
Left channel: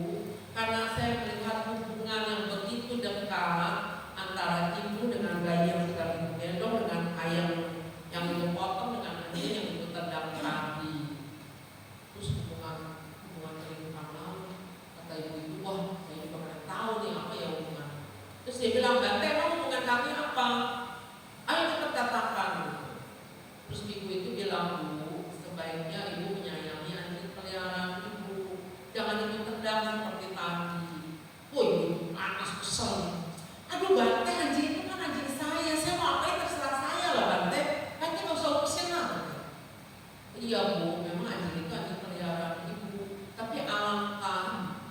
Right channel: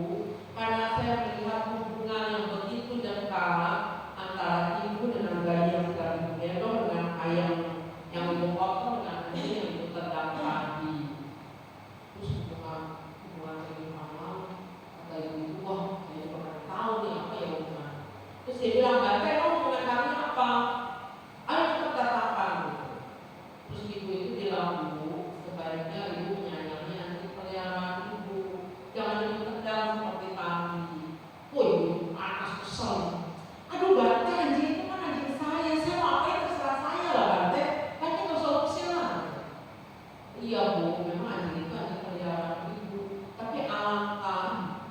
karena saya melihat hubungan yang begitu dekat antara ibu dengan bayi yang sedang ibu gendong, dengan ayam yang ibu potong, dengan anjing yang ibu tendang tadi. Terus hubungan kehidupan lalu, kata ibu itu, wah saya pernah tahu nih apa ya hubungan. Terus dia bilang, Bante, kamu hubungan kami apa? Ayo cepat katakan. Terus ibu itu bilang, Bu, sebaiknya ibu menyayangi anjing peliharaan ibu, jangan ibu tendang seperti tadi. Ibu panas kesel. Aduh Bante, anjing itu kan anjing saya mau apain terserah saya lah Bante. Bante gak usah urusin lah. Iya Bu, memang anjing itu anjing peliharaan ibu, tapi alangkah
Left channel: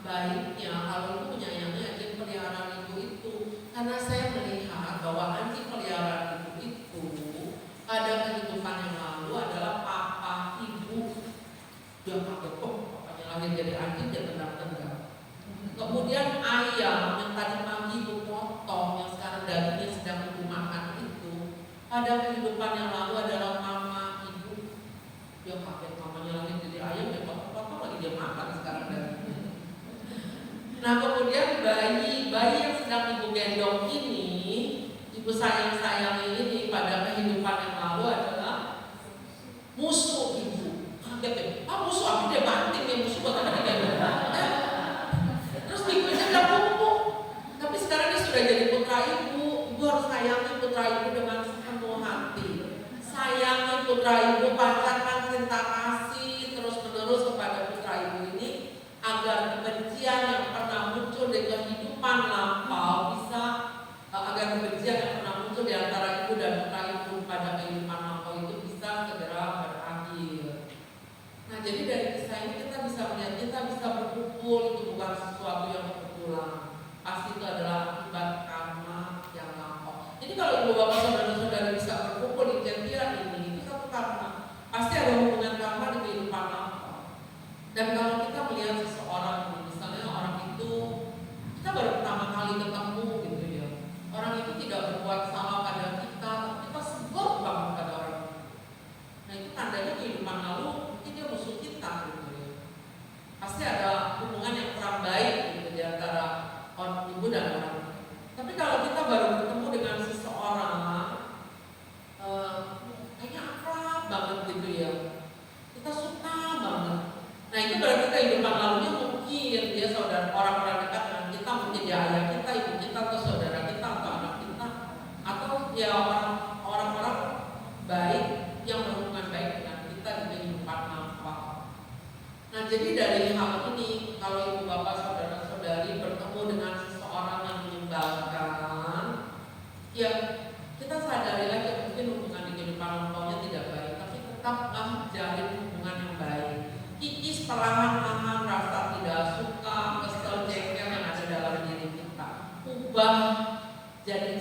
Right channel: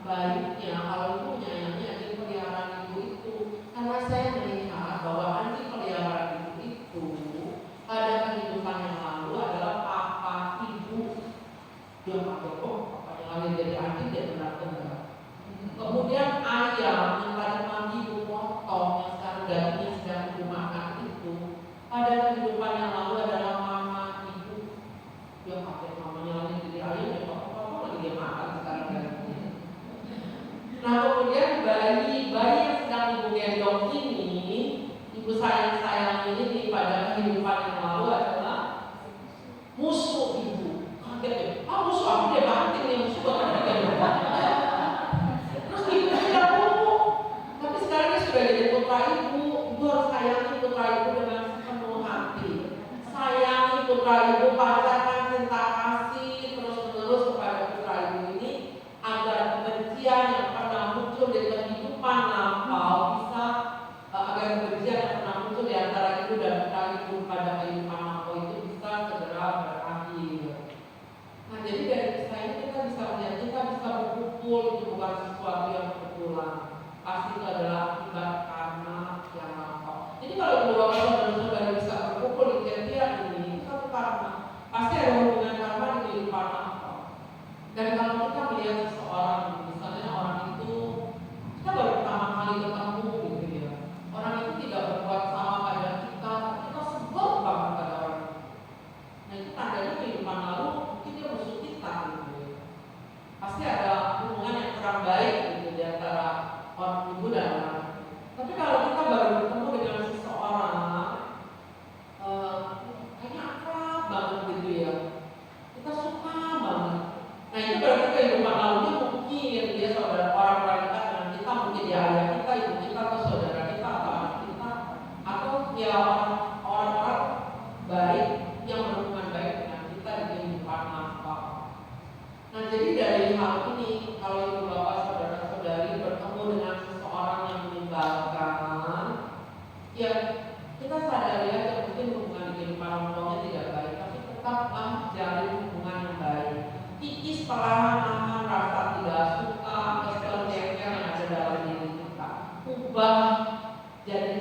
baiknya kalau ibu menyayangi anjing peliharaan ibu itu, karena saya melihat bahwa anjing peliharaan ibu itu pada kehidupan yang lalu adalah papa ibu. Dia kaget, papanya lahir jadi anjing, dia tendang-tendang. Kemudian ayam yang tadi pagi ibu potong, yang sekarang dagingnya sedang ibu makan itu, pada kehidupan yang lalu adalah mama ibu. Dia kaget, mamanya lagi jadi ayam, dia potong lagi dia makan sekarang dagingnya. Nah kemudian bayi yang sedang ibu gendong ini, ibu sayang ini pada kehidupan yang lalu adalah musuh ibu. Kaget ya, musuh aku dia banting nih, musuh bakal digendong. Terus ibu itu bilang, Bu, tapi sekarang dia sudah jadi putra ibu. Ibu harus sayangi putra ibu dengan sepenuh hati. Sayangi putra ibu, pancarkan cinta kasih terus menerus kepada putra ibu ini, agar kebencian yang pernah muncul di kehidupan lampau bisa, agar kebencian yang pernah muncul di antara ibu dan putra ibu pada kehidupan lampau itu bisa segera berakhir. Nah jadi dari kisah ini kita bisa melihat, kita bisa berkumpul itu bukan sesuatu yang kebetulan, pasti itu adalah akibat karma yang lampau. Jadi kalau ibu bapak saudara-saudara bisa berkumpul di Cetia ini, itu satu karma, pasti ada hubungan karma di kehidupan lampau. Dan kalau kita melihat seseorang, misalnya orang itu kita baru pertama kali ketemu gitu ya, orang itu tidak berbuat salah pada kita sebel banget pada orang itu. Nah itu tandanya kehidupan lalu mungkin dia musuh kita gitu ya. Pasti ada hubungan yang kurang baik gitu di antara orang ibu dan anak. Tapi kalau kita baru bertemu dengan seseorang, kayaknya akrab banget gitu ya, kita suka banget. Nah itu berarti kehidupan lalunya mungkin dia saudara, orang-orang dekat dengan kita, mungkin dia ayah kita, ibu kita, atau saudara kita, atau anak kita, atau ya orang-orang baik yang berhubungan baik dengan kita di kehidupan lampau. Nah jadi dari hal ini, kalau ibu bapak saudara-saudari bertemu dengan seseorang yang menyebalkan, ya kita sadari aja mungkin hubungan di kehidupan lampaunya tidak baik, tapi tetaplah jalin hubungan yang baik. Kikis perlahan-lahan rasa tidak suka, kesel, jengkel yang ada dalam diri kita, ubah jadi